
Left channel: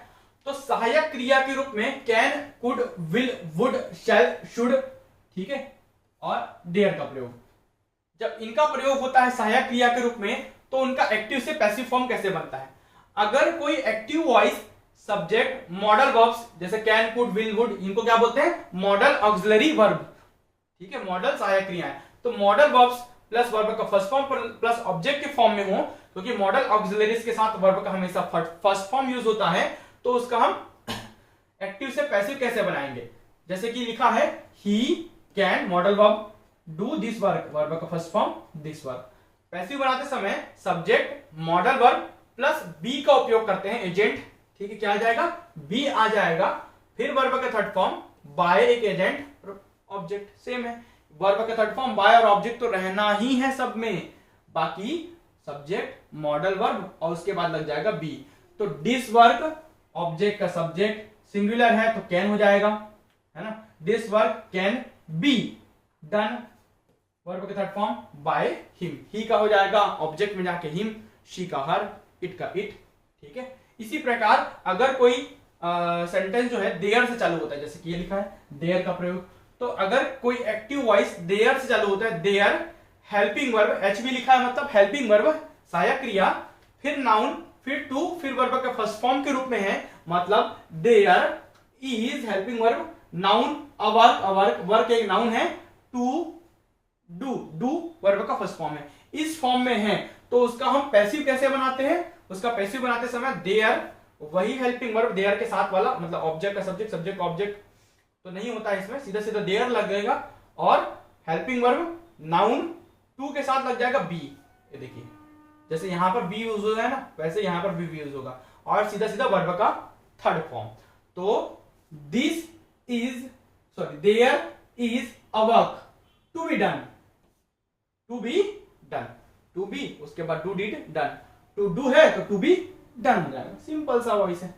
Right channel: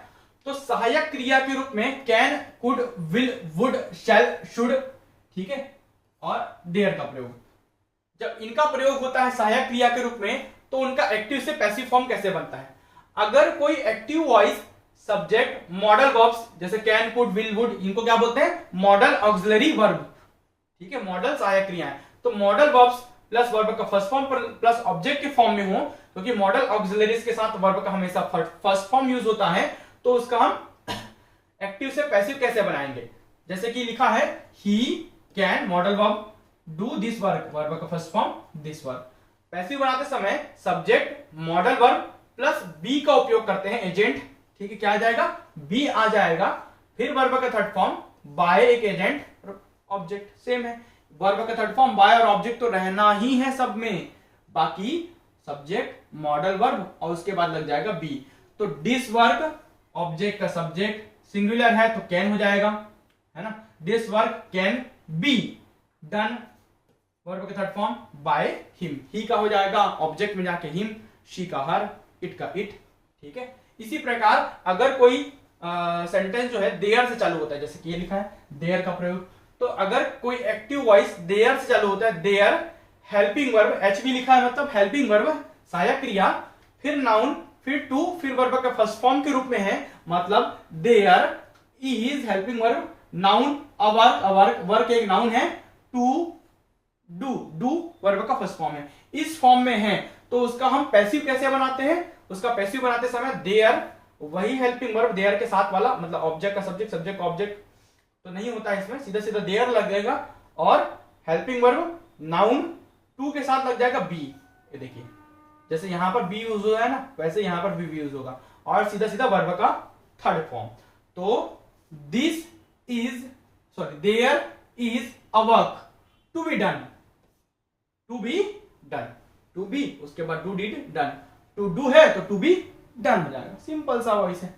तो सहायक क्रिया के रूप में can, could, will, would, shall, should, ठीक है, और डेयर का प्रयोग। जब इनका प्रयोग होता है सहायक क्रिया के रूप में, तो उनका एक्टिव से पैसिव फॉर्म कैसे बनता है। अगर कोई active voice subject modal verbs जैसे कैन, कुड, विल, वुड, इनको क्या बोलते हैं, मॉडल ऑक्सिलरी वर्ब। ठीक है, मॉडल सहायक क्रिया है, तो मॉडल वर्ब्स प्लस वर्ब का फर्स्ट फॉर्म प्लस ऑब्जेक्ट के फॉर्म में हो, क्योंकि मॉडल ऑक्सिलरीज के साथ वर्ब का हमेशा फर्स्ट फॉर्म यूज होता है, तो उसका हम एक्टिव से पैसिव कैसे बनाएंगे। जैसे कि लिखा है he can, modal verb, do this work, verb का first form this work. Passive बनाते समय subject modal verb plus be का उपयोग करते हैं, एजेंट। ठीक है, क्या आ जाएगा, बी आ जाएगा, फिर वर्ब का थर्ड फॉर्म बाय एक एजेंट, ऑब्जेक्ट सेम है। वर्ब का थर्ड फॉर्म बाय और ऑब्जेक्ट तो रहना ही है सब में, बाकी सब्जेक्ट, मॉडल वर्ब और उसके बाद लग जाएगा बी। तो दिस वर्क, ऑब्जेक्ट का सब्जेक्ट, सिंगुलर है तो कैन हो जाएगा, है ना, this work can be done, verb का third form bye him, he का हो जाएगा ऑब्जेक्ट में जाके हिम, शी का हर, इट का इट। ठीक है, इसी प्रकार अगर कोई सेंटेंस जो है देयर से चालू होता है, जैसे कि ये लिखा है देयर का प्रयोग, तो अगर कोई एक्टिव वॉइस देयर से चालू होता है, देयर, हेल्पिंग वर्ब, HV लिखा है मतलब हेल्पिंग वर्ब, सहायक क्रिया, फिर नाउन, फिर टू, फिर वर्ब का फर्स्ट फॉर्म के रूप में है, मतलब there is helping verb, noun, a work, work एक नाउन है, टू, डू वर्ब का फर्स्ट फॉर्म है, इस फॉर्म में है, तो उसका हम पैसिव कैसे बनाते हैं। उसका पैसिव बनाते समय देयर वही हेल्पिंग वर्ब देयर के साथ वाला, मतलब ऑब्जेक्ट का सब्जेक्ट, सब्जेक्ट ऑब्जेक्ट तो नहीं होता है इसमें, सीधा सीधा देयर लगेगा और हेल्पिंग वर्ब नाउन टू के साथ लग जाएगा बी। ये देखिए जैसे यहां पर बी यूज हो है ना, वैसे यहां पर भी यूज होगा और सीधा सीधा वर्ब का थर्ड फॉर्म। तो this is sorry there is a work to be done, to be done, to be उसके बाद do did done, to do है तो टू बी डन हो जाएगा, सिंपल सा वॉइस है।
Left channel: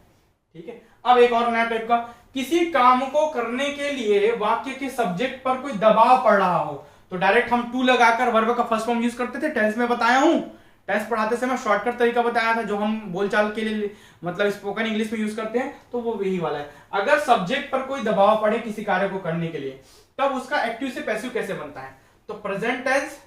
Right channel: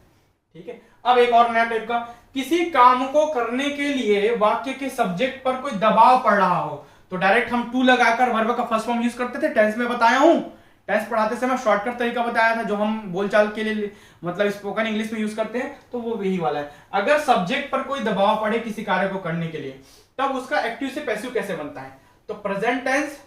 ठीक है, अब एक और नया टाइप का, किसी काम को करने के लिए वाक्य के सब्जेक्ट पर कोई दबाव पड़ रहा हो तो डायरेक्ट हम टू लगाकर वर्ब का फर्स्ट फॉर्म यूज करते थे। टेंस में बताया हूं, टेंस पढ़ाते समय शॉर्टकट तरीका बताया था जो हम बोलचाल के लिए मतलब स्पोकन इंग्लिश में यूज करते हैं, तो वो यही वाला है। अगर सब्जेक्ट पर कोई दबाव पड़े किसी कार्य को करने के लिए तब उसका एक्टिव से पैसिव कैसे बनता है, तो present tense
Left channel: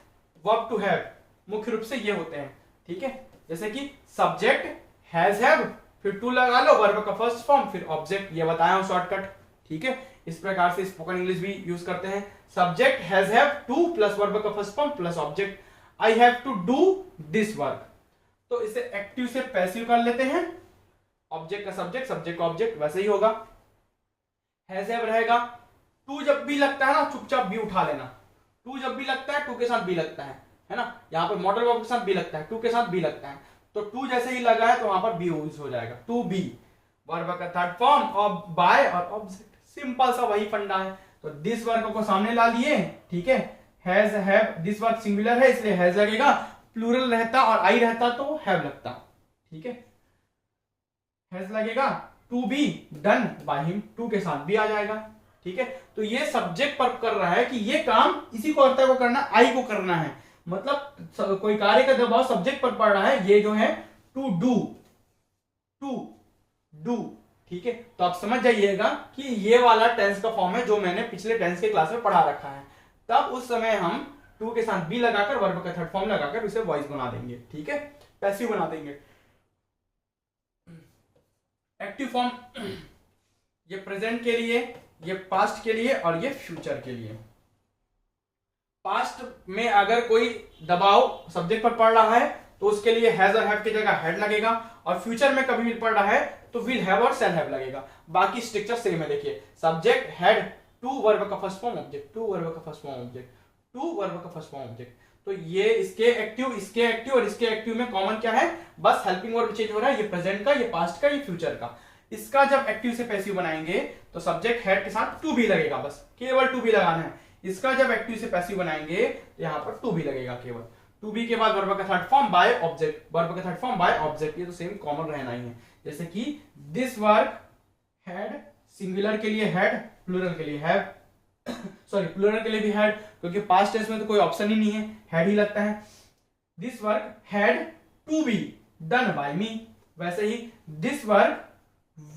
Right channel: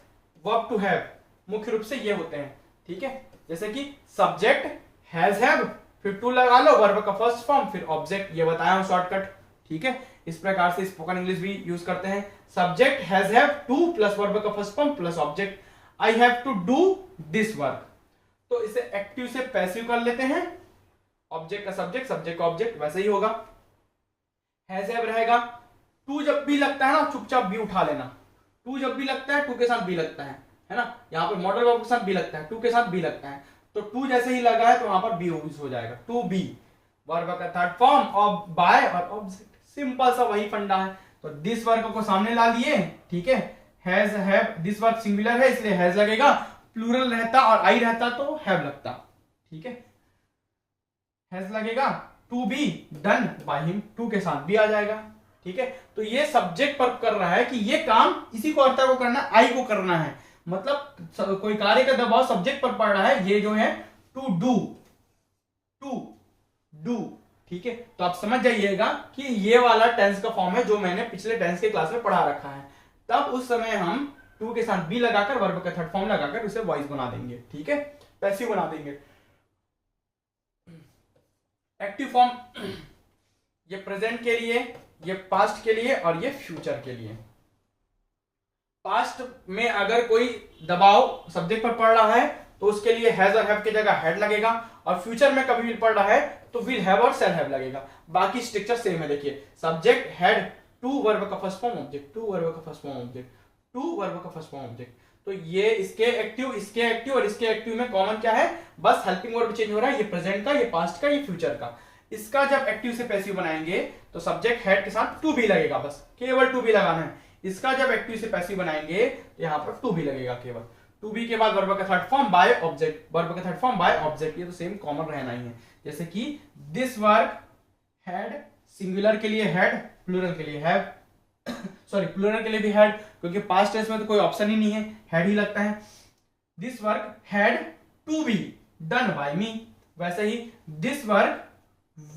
verb to have मुख्य रूप से ये होते हैं। ठीक है, जैसे कि सब्जेक्ट हैज हैव, फिर टू लगा लो, वर्ब का फर्स्ट फॉर्म, फिर ऑब्जेक्ट, ये बताया हूं शॉर्टकट। ठीक है, इस प्रकार से स्पोकन इंग्लिश भी यूज करते हैं। Subject has have to plus verb का first form plus object, I have to do this work, तो इसे एक्टिव से पैसिव कर लेते हैं। ऑब्जेक्ट का सब्जेक्ट, सब्जेक्ट का ऑब्जेक्ट, वैसे ही होगा। हैज हैव रहेगा, टू जब भी लगता है ना चुपचाप बी उठा लेना, टू जब भी लगता है टू के साथ बी लगता है ना, यहाँ पर मॉडल वर्ब के साथ बी लगता है, टू के साथ बी लगता है, तो टू जैसे ही लगा है तो वहां पर बी यूज हो जाएगा, टू बी। वर्ब का थर्ड फॉर्म और बाय और ऑब्जेक्ट, सिंपल सा वही फंडा है। तो दिस वर्ब को सामने ला लिए, ठीक है, has have, this verb singular है इसलिए हैज लगेगा, प्लूरल रहता और आई रहता तो हैव लगता। ठीक है, हैज लगेगा, to be done by him, to के साथ भी आ जाएगा। ठीक है, तो ये सब्जेक्ट पर कर रहा है कि ये काम इसी को अर्ता को करना, आई को करना है, मतलब कोई कार्य का दबाव सब्जेक्ट पर पड़ रहा है, ये जो है टू डू, टू डू। ठीक है, तो आप समझ जाइएगा कि ये वाला टेंस का फॉर्म है जो मैंने पिछले टेंस के क्लास में पढ़ा रखा है। तब उस समय हम टू के साथ बी लगाकर वर्ब का थर्ड फॉर्म लगाकर उसे वॉइस बना देंगे। ठीक है, पैसिव बना देंगे। एक्टिव फॉर्म ये प्रेजेंट के लिए, ये पास्ट के लिए और ये फ्यूचर के लिए। पास्ट में अगर कोई दबाव सब्जेक्ट पर पड़ रहा है तो उसके लिए हैज और हैव की जगह हैड लगेगा, और फ्यूचर में कभी भी पड़ रहा है तो विल हैव और शैल हैव लगेगा। बाकी स्ट्रक्चर सेम है, देखिए सब्जेक्ट हैड, टू वर्ब का first form object, to verb का first form object, to verb का फर्स्ट फॉर्म ऑब्जेक्ट। तो ये इसके एक्टिव, इसके एक्टिव और इसके एक्टिव में कॉमन क्या है, बस हेल्पिंग वर्ब चेंज हो रहा है, ये प्रेजेंट का, ये पास्ट का, ये फ्यूचर का। इसका जब एक्टिव से पैसिव बनाएंगे तो सब्जेक्ट हैड के साथ टू भी लगेगा, बस केवल टू भी लगाना है। इसका जब एक्टिव से पैसिव बनाएंगे तो यहां पर टू भी लगेगा केवल, टू बी के बाद वर्ब का third form by object, verb का थर्ड फॉर्म बाय ऑब्जेक्ट, ये तो सेम कॉमन रहना ही है। जैसे कि दिस वर्क हैड, सिंगुलर के लिए हैड, प्लूरल के लिए हैव, सॉरी प्लूरल के लिए भी हैड, क्योंकि पास्ट टेंस में तो कोई ऑप्शन ही नहीं है, हैड ही लगता है। This work had to be done by me, वैसे ही this work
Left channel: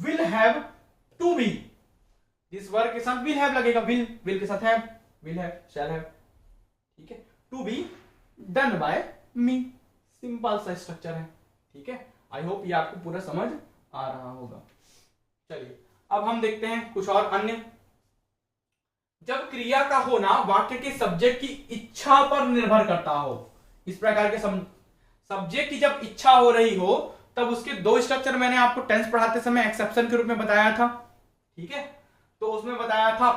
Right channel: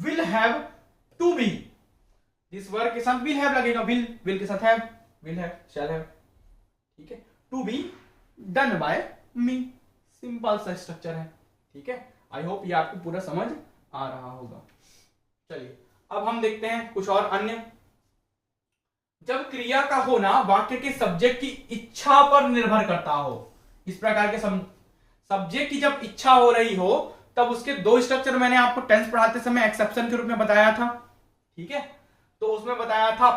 will have to be, this work के साथ विल हैव लगेगा, विल के साथ have, will have, shall have. ठीक है, to be done by me, simple सा स्ट्रक्चर है। ठीक है, आई होप ये आपको पूरा समझ आ रहा होगा। चलिए अब हम देखते हैं कुछ और अन्य। जब क्रिया का होना वाक्य के सब्जेक्ट की इच्छा पर निर्भर करता हो, इस प्रकार के सब्जेक्ट की जब इच्छा हो रही हो तब उसके दो स्ट्रक्चर मैंने आपको टेंस पढ़ाते समय एक्सेप्शन के रूप में बताया था। ठीक है, तो उसमें बताया था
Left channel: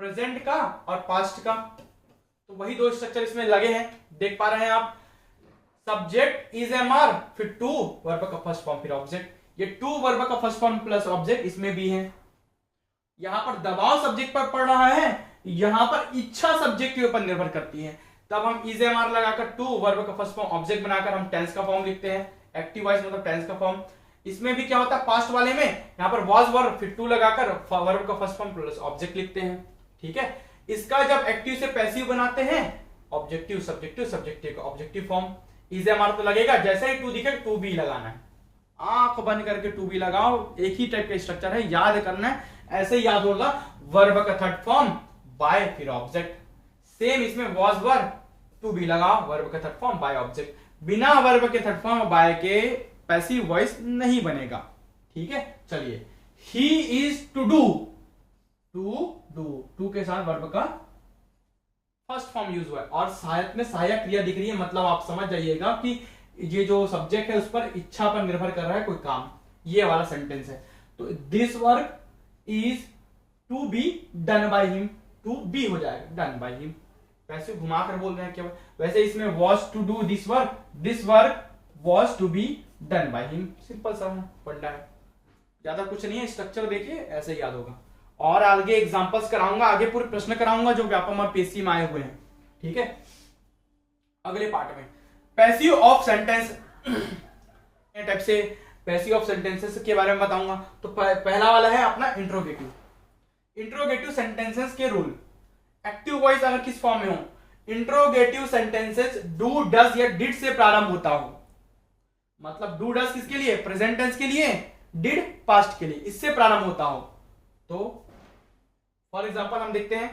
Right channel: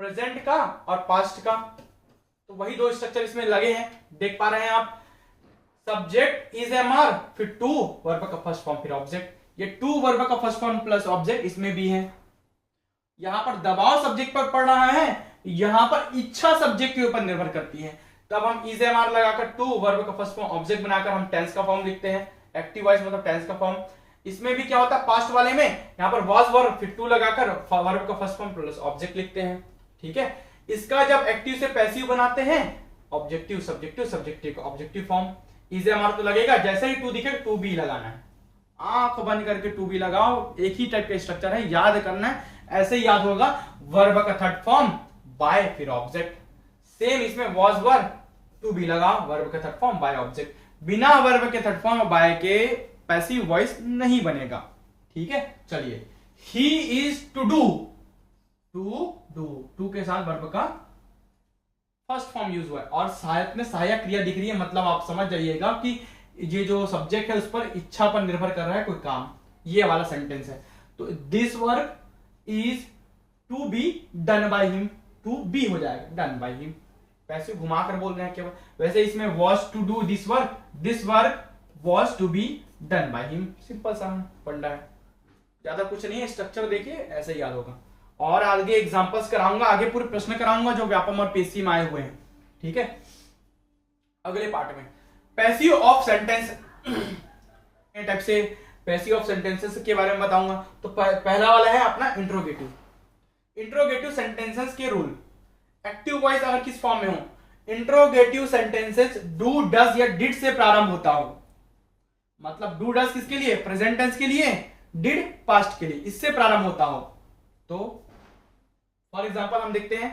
प्रेजेंट का और पास्ट का, तो वही दो स्ट्रक्चर इसमें लगे हैं, देख पा रहे हैं आप। सब्जेक्ट इज एमआर, फिर टू वर्ब का फर्स्ट फॉर्म फिर ऑब्जेक्ट, ये टू वर्ब का फर्स्ट फॉर्म प्लस ऑब्जेक्ट इसमें भी है। यहां पर दबाव सब्जेक्ट पर पड़ रहा है, यहां पर इच्छा सब्जेक्ट के ऊपर निर्भर करती है, तब हम इज एमआर लगाकर टू वर्ब का फर्स्ट फॉर्म ऑब्जेक्ट बनाकर हम टेंस का फॉर्म लिखते हैं, एक्टिव वॉइस मतलब टेंस का फॉर्म। इसमें भी क्या होता है, पास्ट वाले में यहां पर वाज वर्ब फिर टू लगाकर वर्ब का फर्स्ट फॉर्म प्लस ऑब्जेक्ट लिखते हैं। ठीक है, इसका जब एक्टिव से पैसिव बनाते हैं, ऑब्जेक्टिव सब्जेक्टिव, सब्जेक्टिव का ऑब्जेक्टिव फॉर्म, इज एमआर तो लगेगा, जैसे ही टू दिखे टू बी लगाना है, आंख बंद करके टू बी लगाओ, एक ही टाइप का स्ट्रक्चर है, याद करना है, ऐसे ही याद होगा। वर्ब का थर्ड फॉर्म बाय फिर ऑब्जेक्ट, सेम इसमें वाज वर्ब टू बी लगाओ, वर्ब का थर्ड फॉर्म बाय ऑब्जेक्ट, बिना वर्ब के थर्ड फॉर्म बाय के पैसिव वॉइस नहीं बनेगा। ठीक है, चलिए he is to do, to के साथ वर्ब का फर्स्ट फॉर्म यूज हुआ है, और सहायक में सहायक क्रिया दिख रही है, मतलब आप समझ जाइएगा कि ये जो सब्जेक्ट है उस पर इच्छा पर निर्भर कर रहा है कोई काम। ये वाला सेंटेंस है। तो this work is to be done by him, to be हो जाएगा डन बाय हिम, वैसे घुमा कर बोल रहे हैं केवल। वैसे इसमें was to do this work was to be done by him, simple सा फंडा है, ज्यादा कुछ नहीं है। स्ट्रक्चर देखिए ऐसे याद होगा। और आगे एग्जांपल्स कराऊंगा, आगे पूरे प्रश्न कराऊंगा जो व्यापम और पेशी में आए हुए हैं, ठीक है। अगले पार्ट में पैसिव ऑफ सेंटेंस टाइप से पैसिव ऑफ सेंटेंसेस के बारे में बताऊंगा। तो पहला वाला है अपना इंट्रोगेटिव सेंटेंसेस के रूल। एक्टिव वॉइस अगर किस फॉर्म में हो, इंट्रोगेटिव सेंटेंसेस डू डज या डिड से प्रारंभ होता हो, मतलब डू डज किसके लिए, प्रेजेंट टेंस के लिए, डिड पास्ट के लिए, इससे प्रारंभ होता हो। तो फॉर एग्जांपल हम देखते हैं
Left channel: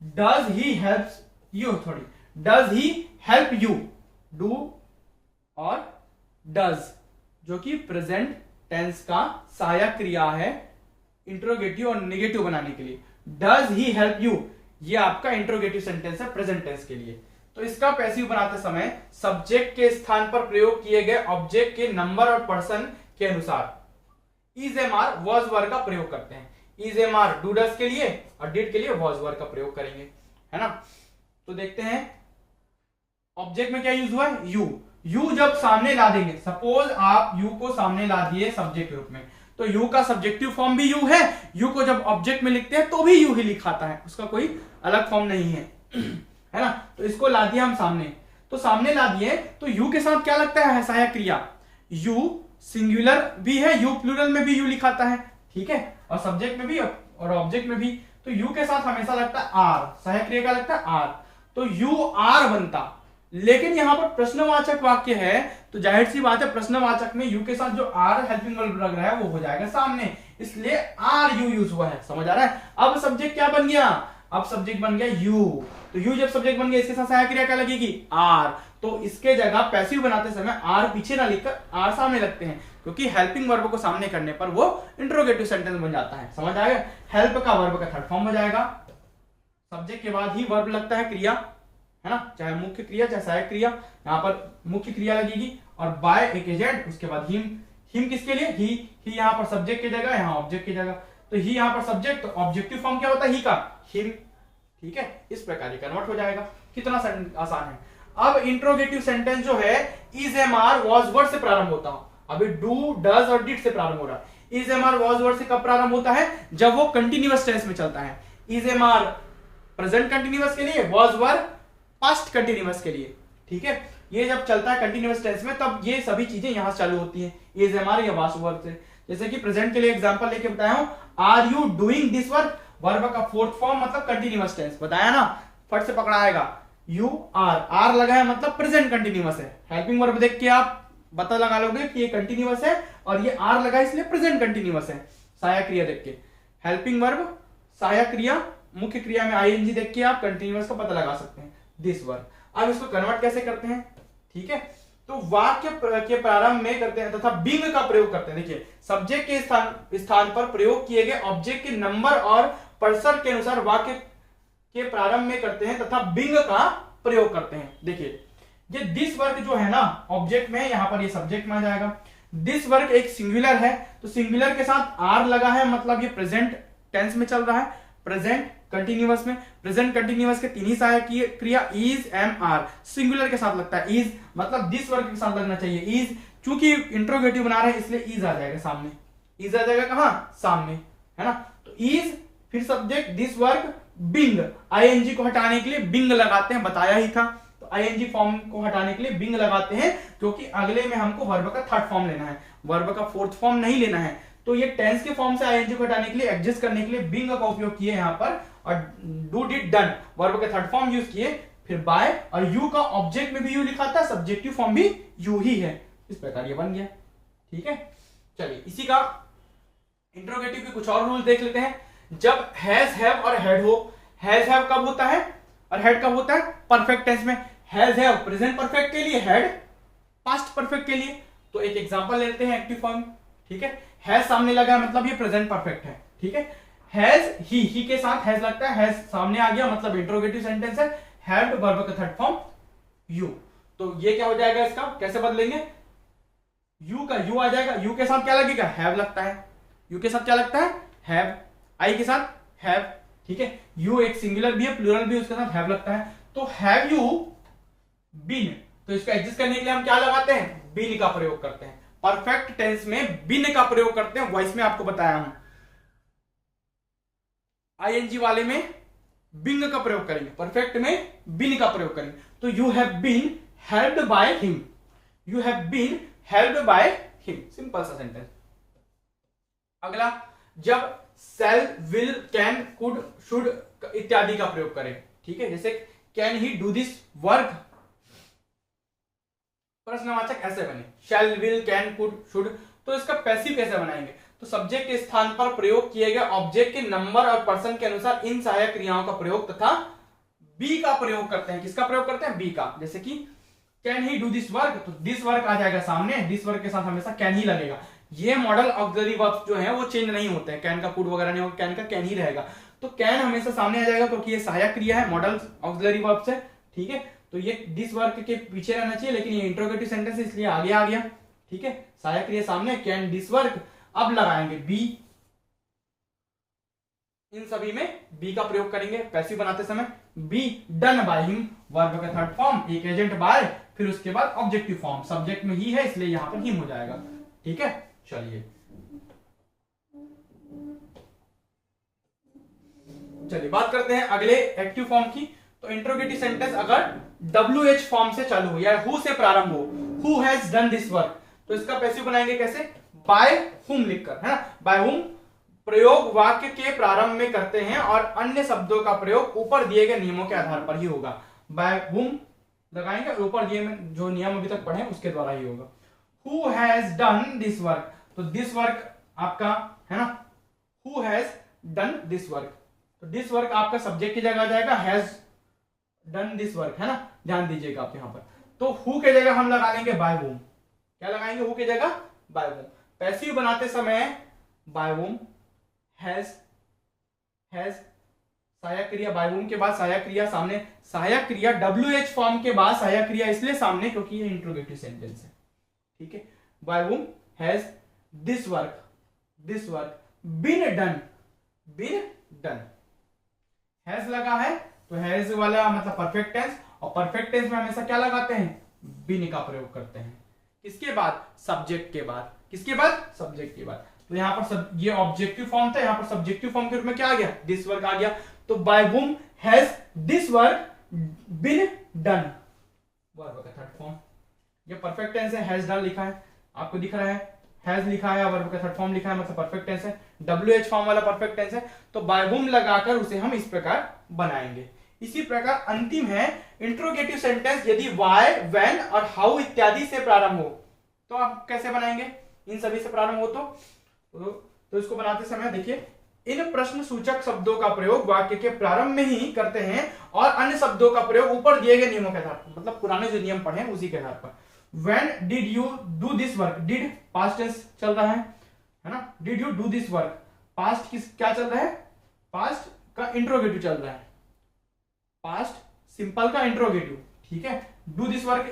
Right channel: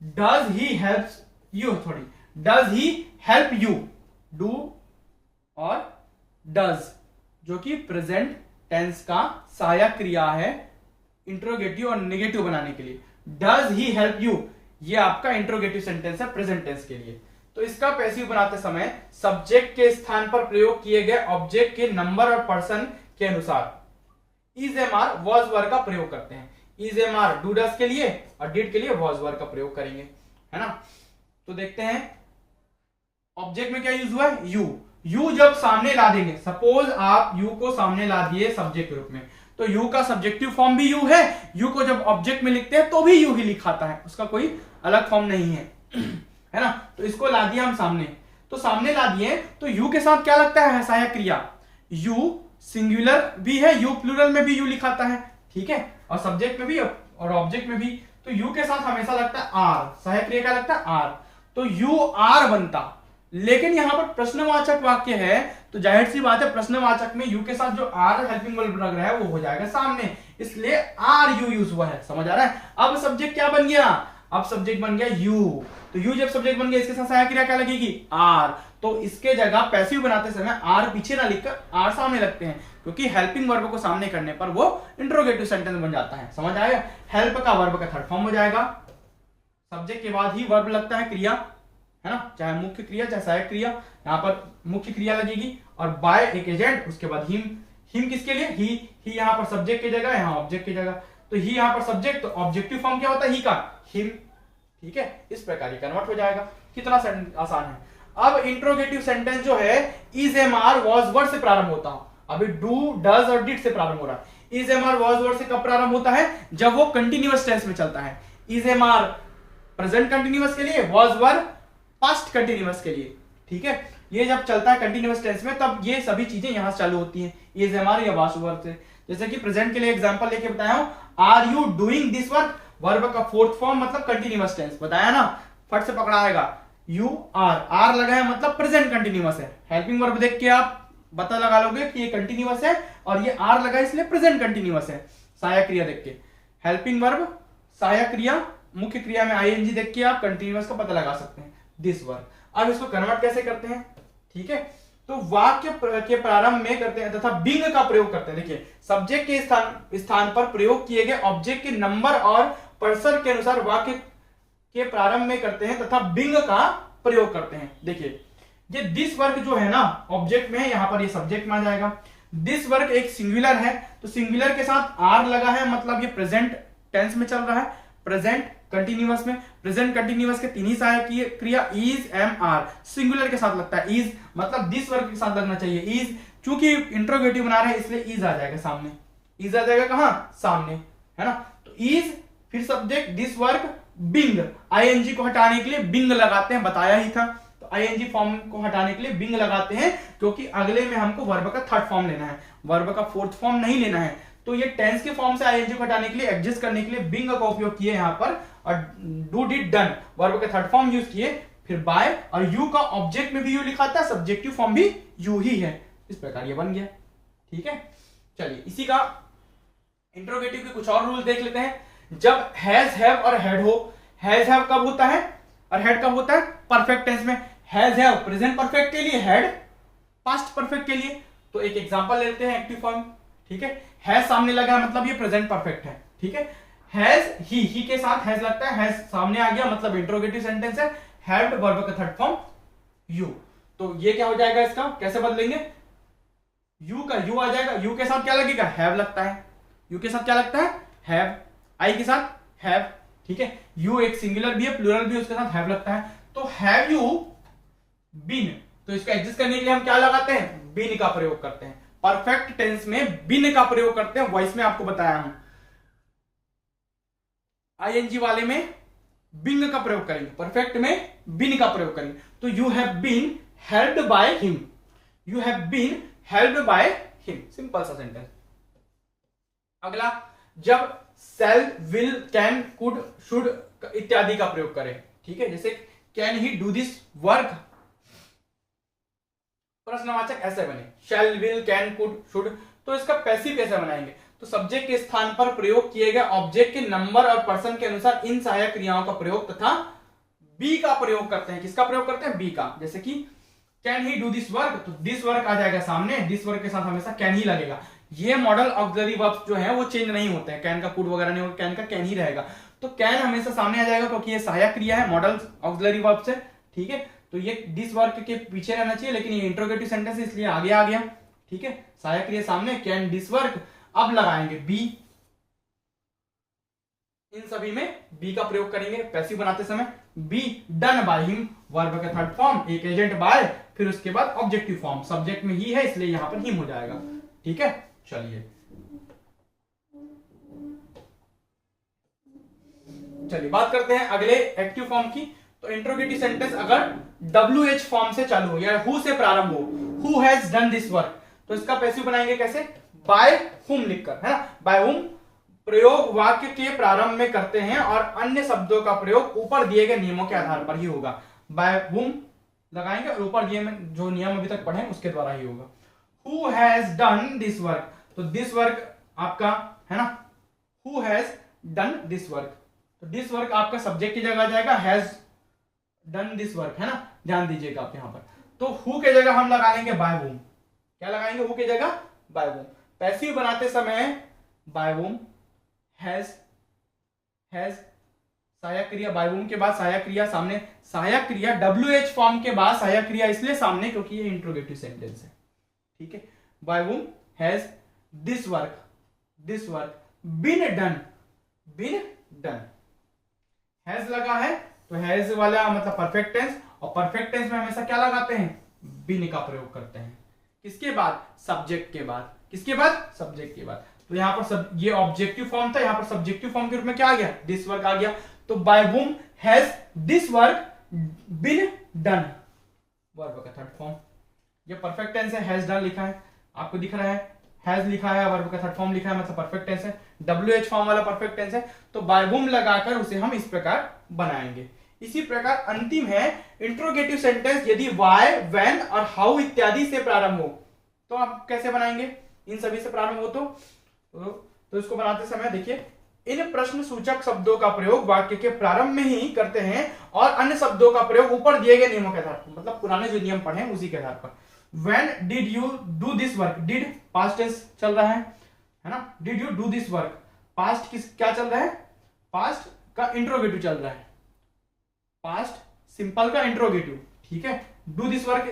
does he helps you, sorry does he help you, do और डज जो कि प्रेजेंट टेंस का सहायक क्रिया है इंट्रोगेटिव और नेगेटिव बनाने के लिए। डज ही हेल्प यू ये आपका इंट्रोगेटिव सेंटेंस है प्रेजेंट टेंस के लिए। तो इसका पैसिव बनाते समय सब्जेक्ट के स्थान पर प्रयोग किए गए ऑब्जेक्ट के नंबर और पर्सन के अनुसार is am are was verb का प्रयोग करते हैं। Is am are do does के लिए और डिड के लिए वॉज वर्ब का प्रयोग करेंगे, है ना। तो देखते हैं ऑब्जेक्ट में क्या यूज हुआ है, यू जब सामने ला देंगे, सपोज आप यू को सामने ला दिए सब्जेक्ट के रूप में, तो यू का सब्जेक्टिव फॉर्म भी यू है, यू को जब ऑब्जेक्ट में लिखते हैं तो भी यू ही लिखाता है, उसका कोई अलग फॉर्म नहीं है है ना। तो इसको ला दिया हम सामने, तो सामने ला दिए तो यू के साथ क्या लगता है सहायक क्रिया, यू सिंगुलर भी है, यू प्लूरल में भी यू लिखाता है, ठीक है, और सब्जेक्ट में भी और ऑब्जेक्ट में भी। तो यू के साथ हमेशा लगता है आर, सहायक क्रिया क्या लगता है आर, तो यू आर बनता। लेकिन यहां पर प्रश्नवाचक वाक्य है तो जाहिर सी बात है प्रश्नवाचक में यू के साथ जो आर हेल्पिंग वर्ब लग रहा है वो हो जाएगा सामने, इसलिए आर यू यूज हुआ है, समझ आ रहा है। अब सब्जेक्ट क्या बन गया, अब सब्जेक्ट बन गया यू, तो यू जब सब्जेक्ट बन गया इसके साथ सहायक क्रिया क्या लगेगी आर, तो इसके जगह पैसिव बनाते समय आर पीछे ना लिखकर आर सामने लगते हैं, क्योंकि हेल्पिंग वर्ब को सामने करने पर वो इंट्रोगेटिव सेंटेंस बन जाता है, समझ आएगा। हेल्प का वर्ब का थर्ड फॉर्म हो जाएगा, सब्जेक्ट के बाद ही वर्ब लगता है क्रिया, है ना, चाहे मुख्य क्रिया चाहे सहायक क्रिया, यहाँ पर मुख्य क्रिया लगेगी और बाय एक एजेंट, उसके बाद हिम किसके लिए, ही यहाँ पर सब्जेक्ट की जगह, यहाँ ऑब्जेक्ट की जगह, तो ही यहाँ पर सब्जेक्ट, तो ऑब्जेक्टिव फॉर्म क्या होता है ही का, हिम, ठीक है। इस प्रकार ये कन्वर्ट हो जाएगा, कितना आसान है। अब इंट्रोगेटिव सेंटेंस जो है is am are was word से प्रारंभ होता हूं, अभी डू डज और डिड से प्रारंभ हो रहा है। Is am are was word से कब प्रारंभ होता है, जब वो कंटिन्यूअस टेंस में चलता है। Is am are present continuous के लिए, वॉज वर्ड पास्ट कंटिन्यूअस के लिए, ठीक है। ये जब चलता है कंटिन्यूअस टेंस में तब ये सभी चीजें यहां से चालू होती हैं, इज एम आर या वाज वर्ब से। जैसे कि प्रेजेंट के लिए एग्जांपल लेके बताया हूं, are you doing this work, verb का फोर्थ फॉर्म मतलब कंटिन्यूअस टेंस, बताया ना, फट से पकड़ा आएगा। यू आर लगा है मतलब प्रेजेंट कंटिन्यूअस है, हेल्पिंग वर्ब देख के आप पता लगा लोगे कि ये कंटिन्यूअस है और ये आर लगा है इसलिए प्रेजेंट कंटिन्यूअस है। सहायक क्रिया देख के, हेल्पिंग वर्ब सहायक क्रिया, मुख्य क्रिया में आईएनजी देख के आप कंटिन्यूअस का पता लगा सकते हैं, दिस वर्ब। अब इसको कन्वर्ट कैसे करते हैं, ठीक है, तो वाक्य के प्रारंभ में करते हैं तथा बिंग का प्रयोग करते हैं। देखिए सब्जेक्ट के स्थान पर प्रयोग किए गए ऑब्जेक्ट के नंबर और पर्सन के अनुसार वाक्य के प्रारंभ में करते हैं तथा बिंग का प्रयोग करते हैं। देखिए ये दिस वर्क जो है ना ऑब्जेक्ट में, यहां पर ये सब्जेक्ट में आ जाएगा। दिस वर्क एक सिंगुलर है तो सिंगुलर के साथ आर लगा है, मतलब ये प्रेजेंट टेंस में चल रहा है, प्रेजेंट कंटिन्यूअस में। प्रेजेंट कंटिन्यूअस के तीन ही सहायक क्रिया इज एम आर सिंगुलर के साथ लगता है, इज मतलब दिस वर्क के साथ लगना चाहिए इज, चूंकि इंट्रोगेटिव बना रहे हैं इसलिए इज आ जाएगा सामने, इज आ जाएगा कहां सामने, है ना। तो इज फिर subject this work being, ING को हटाने के लिए बिंग लगाते हैं, बताया ही था। तो आईएनजी फॉर्म को हटाने के लिए बिंग लगाते हैं क्योंकि अगले में हमको वर्ब का थर्ड फॉर्म लेना है, वर्ब का फोर्थ फॉर्म नहीं लेना है। तो ये टेंस के फॉर्म से आईएनजी को हटाने के लिए, एडजस्ट करने के लिए बिंग का उपयोग किए यहां पर, और डू डिड डन वर्ब का थर्ड फॉर्म यूज किए, फिर बाय, और यू का ऑब्जेक्ट में भी यू लिखा था, सब्जेक्टिव फॉर्म भी यू ही है। इस प्रकार ये बन गया, ठीक है। चलिए इसी का इंट्रोगेटिव के कुछ और रूल देख लेते हैं। जब हैज हैव और हैड हो, हैज हैव कब होता है और हैड कब होता है, परफेक्ट टेंस में। हैज हैव प्रेजेंट परफेक्ट के लिए, हैड पास्ट परफेक्ट के लिए। तो एक एग्जांपल लेते हैं एक्टिव फॉर्म, ठीक है। हैज सामने लगा मतलब ये प्रेजेंट परफेक्ट है, ठीक है। हैज ही के साथ हैज लगता है, हैज सामने आ गया मतलब इंट्रोगेटिव सेंटेंस है। हैड वर्ब का थर्ड फॉर्म यू, तो ये क्या हो जाएगा, इसका कैसे बदलेंगे, यू का यू आ जाएगा, यू के साथ क्या लगेगा, हैव लगता है, यू के साथ क्या लगता है, हैव, आई के साथ हैव, ठीक है। यू एक सिंगुलर भी है, प्लूरल भी, उसके साथ हैव लगता है। तो हैव यू बीन, तो इसको एडजस्ट करने के लिए हम क्या लगाते हैं, बीन का प्रयोग करते हैं। परफेक्ट टेंस में बीन का प्रयोग करते हैं, वॉइस में आपको बताया हूं। आईएनजी वाले में बीन का प्रयोग करेंगे, परफेक्ट में बीन का प्रयोग करेंगे। तो you have been helped by him, you have been helped by him, simple सा सेंटेंस। अगला, जब shall, will, can, could, should इत्यादि का प्रयोग करें, ठीक है। जैसे can he do this work, प्रश्नवाचक ऐसे बने, shall, will, can, could, should. तो इसका पैसिव कैसे बनाएंगे, तो सब्जेक्ट के स्थान पर प्रयोग किए गए ऑब्जेक्ट के नंबर और पर्सन के अनुसार इन सहायक क्रियाओं का प्रयोग तथा बी का प्रयोग करते हैं। किसका प्रयोग करते हैं, बी का। जैसे कि can he do this work, तो दिस वर्क आ जाएगा सामने, दिस वर्क के साथ हमेशा कैन ही लगेगा। ये मॉडल ऑक्सिलरी वर्ब्स जो है वो चेंज नहीं होते हैं, कैन का कुड वगैरह नहीं होगा, कैन का कैन ही रहेगा। तो कैन हमेशा सामने आ जाएगा क्योंकि ये सहायक क्रिया है, मॉडल ऑक्सिलरी वर्ब्स है, ठीक है। तो ये दिस वर्क के पीछे रहना चाहिए, लेकिन ये इंट्रोगेटिव सेंटेंस है इसलिए आगे आ गया, ठीक है। सहायक क्रिया सामने, कैन दिस वर्क। अब लगाएंगे बी, इन सभी में बी का प्रयोग करेंगे पैसिव बनाते समय। B done by him, verb का थर्ड फॉर्म, एक एजेंट बाय, फिर उसके बाद ऑब्जेक्टिव फॉर्म, सब्जेक्ट में ही है इसलिए यहां पर हिम हो जाएगा, ठीक है। चलिए बात करते हैं अगले एक्टिव फॉर्म की। तो इंट्रोगेटिव सेंटेंस अगर WH फॉर्म से चालू हो या हु से प्रारंभ हो, who has done this work, तो इसका पैसिव बनाएंगे कैसे, बाय हुम लिखकर, है ना। बाय हुम प्रयोग वाक्य के प्रारंभ में करते हैं और अन्य शब्दों का प्रयोग ऊपर दिए गए नियमों के आधार पर ही होगा। बाय हुम लगाएंगे और ऊपर दिए जो नियम अभी तक पढ़े उसके द्वारा ही होगा। Who has done this work, तो दिस वर्क आपका है ना, who has done this work, तो दिस वर्क आपका सब्जेक्ट की जगह आ जाएगा, हैज डन दिस वर्क, है ना। ध्यान दीजिएगा आप यहां पर। तो हु के जगह हम लगा लेंगे बाय वूम, क्या लगाएंगे, हु के जगह बाय वूम। पैसिव बनाते समय बाय वूम, हैज सहायक क्रिया, बाय वूम के बाद सहायक क्रिया सामने, सहायक क्रिया WH फॉर्म के बाद सहायक क्रिया इसलिए सामने क्योंकि ये इंट्रोगेटिव सेंटेंस है, ठीक है। By whom has this work been done, has लगा है तो हैज वाला मतलब परफेक्ट टेंस, और परफेक्ट टेंस में हमेशा क्या लगाते हैं, बीन का प्रयोग करते हैं। किसके बाद, सब्जेक्ट के बाद, किसके बाद, सब्जेक्ट के बाद। तो यहां पर ये ऑब्जेक्टिव फॉर्म था, यहां पर सब्जेक्टिव फॉर्म के रूप में क्या आ गया, दिस वर्क आ गया। तो by whom has this work been done, verb का थर्ड फॉर्म। ये परफेक्ट टेंस है, हैज डन लिखा है, आपको दिख रहा है, हैज लिखा है, वर्ब का थर्ड फॉर्म लिखा है, मतलब परफेक्ट टेंस है। WH फॉर्म वाला परफेक्ट टेंस है, तो बाय वूम लगाकर उसे हम इस प्रकार बनाएंगे। इसी प्रकार अंतिम है इंट्रोगेटिव सेंटेंस, यदि वाई, व्हेन और हाउ इत्यादि से प्रारंभ हो तो आप कैसे बनाएंगे, इन सभी से प्रारंभ हो तो इसको बनाते समय देखिए, इन प्रश्न सूचक शब्दों का प्रयोग वाक्य के प्रारंभ में ही करते हैं और अन्य शब्दों का प्रयोग ऊपर दिए गए नियमों के आधार पर, मतलब पुराने जो नियम पढ़े हैं उसी के आधार पर। When did you do this work? Did past tense चल रहा है ना, did you do this work, past क्या चल रहा है, past का इंट्रोगेटिव चल रहा है, past सिंपल का इंट्रोगेटिव, ठीक है। do this work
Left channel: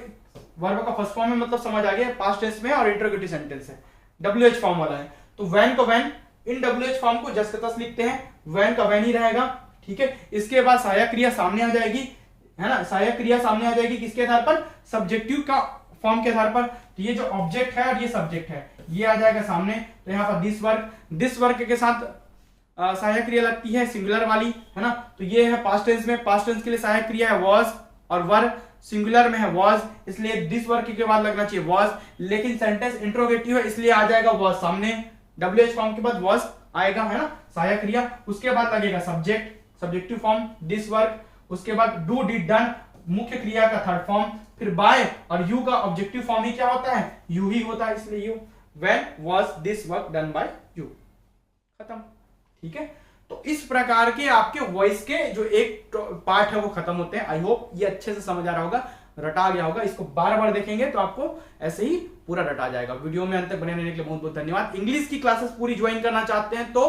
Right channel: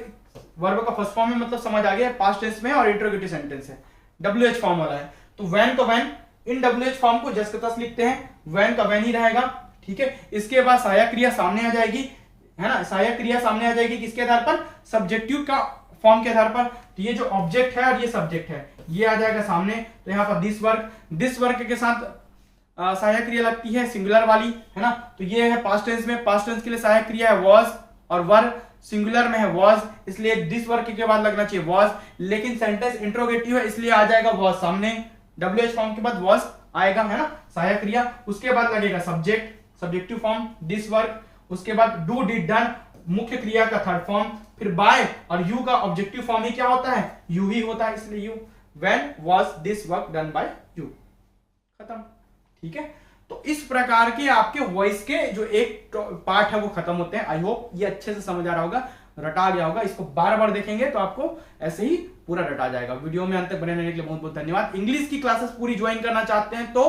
वर्ब का फर्स्ट फॉर्म में मतलब समझ आ गया, पास्ट टेंस में और इंट्रोगेटिव सेंटेंस है, WH फॉर्म वाला है। तो when को when, इन WH फॉर्म को जस्ट तस लिखते हैं, when का when ही रहेगा, ठीक है। इसके बाद सहायक क्रिया सामने आ जाएगी, है ना, सहायक क्रिया सामने आ जाएगी किसके आधार पर, सब्जेक्टिव का फॉर्म के आधार पर। तो ये जो ऑब्जेक्ट है और ये सब्जेक्ट है, ये आ जाएगा सामने। तो यहाँ पर दिस वर्क के साथ सहायक क्रिया लगती है सिंगुलर वाली, है ना। तो ये है पास्ट टेंस में, पास्ट टेंस के लिए सहायक क्रिया है वॉज, और वर सिंगुलर में है वॉज, इसलिए दिस वर्क के बाद लगना चाहिए वॉज, लेकिन सेंटेंस इंट्रोगेटिव है इसलिए आ जाएगा वॉज सामने, WH फॉर्म के बाद वॉज आएगा, है ना, सहायक क्रिया। उसके बाद लगेगा subject, subjective form this work, उसके बाद डू, डिड, डन मुख्य क्रिया का थर्ड फॉर्म, फिर बाय और यू का ऑब्जेक्टिव फॉर्म ही क्या होता है, यू ही होता है, इसलिए you. When was this work done by you, खत्म, ठीक है। तो इस प्रकार के आपके वॉइस के जो एक पार्ट है वो खत्म होते हैं। आई होप ये अच्छे से समझ आ रहा होगा, रटा गया होगा। इसको बार बार देखेंगे तो आपको ऐसे ही पूरा रटा जाएगा। वीडियो में अंत तक बने रहने के लिए बहुत बहुत धन्यवाद। इंग्लिश की क्लासेस पूरी ज्वाइन करना चाहते हैं तो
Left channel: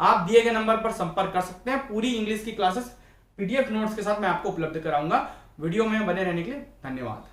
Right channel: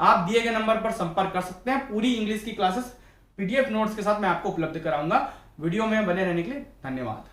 आप दिए गए नंबर पर संपर्क कर सकते हैं। पूरी इंग्लिश की क्लासेस PDF नोट्स के साथ मैं आपको उपलब्ध कराऊंगा। वीडियो में बने रहने के लिए धन्यवाद।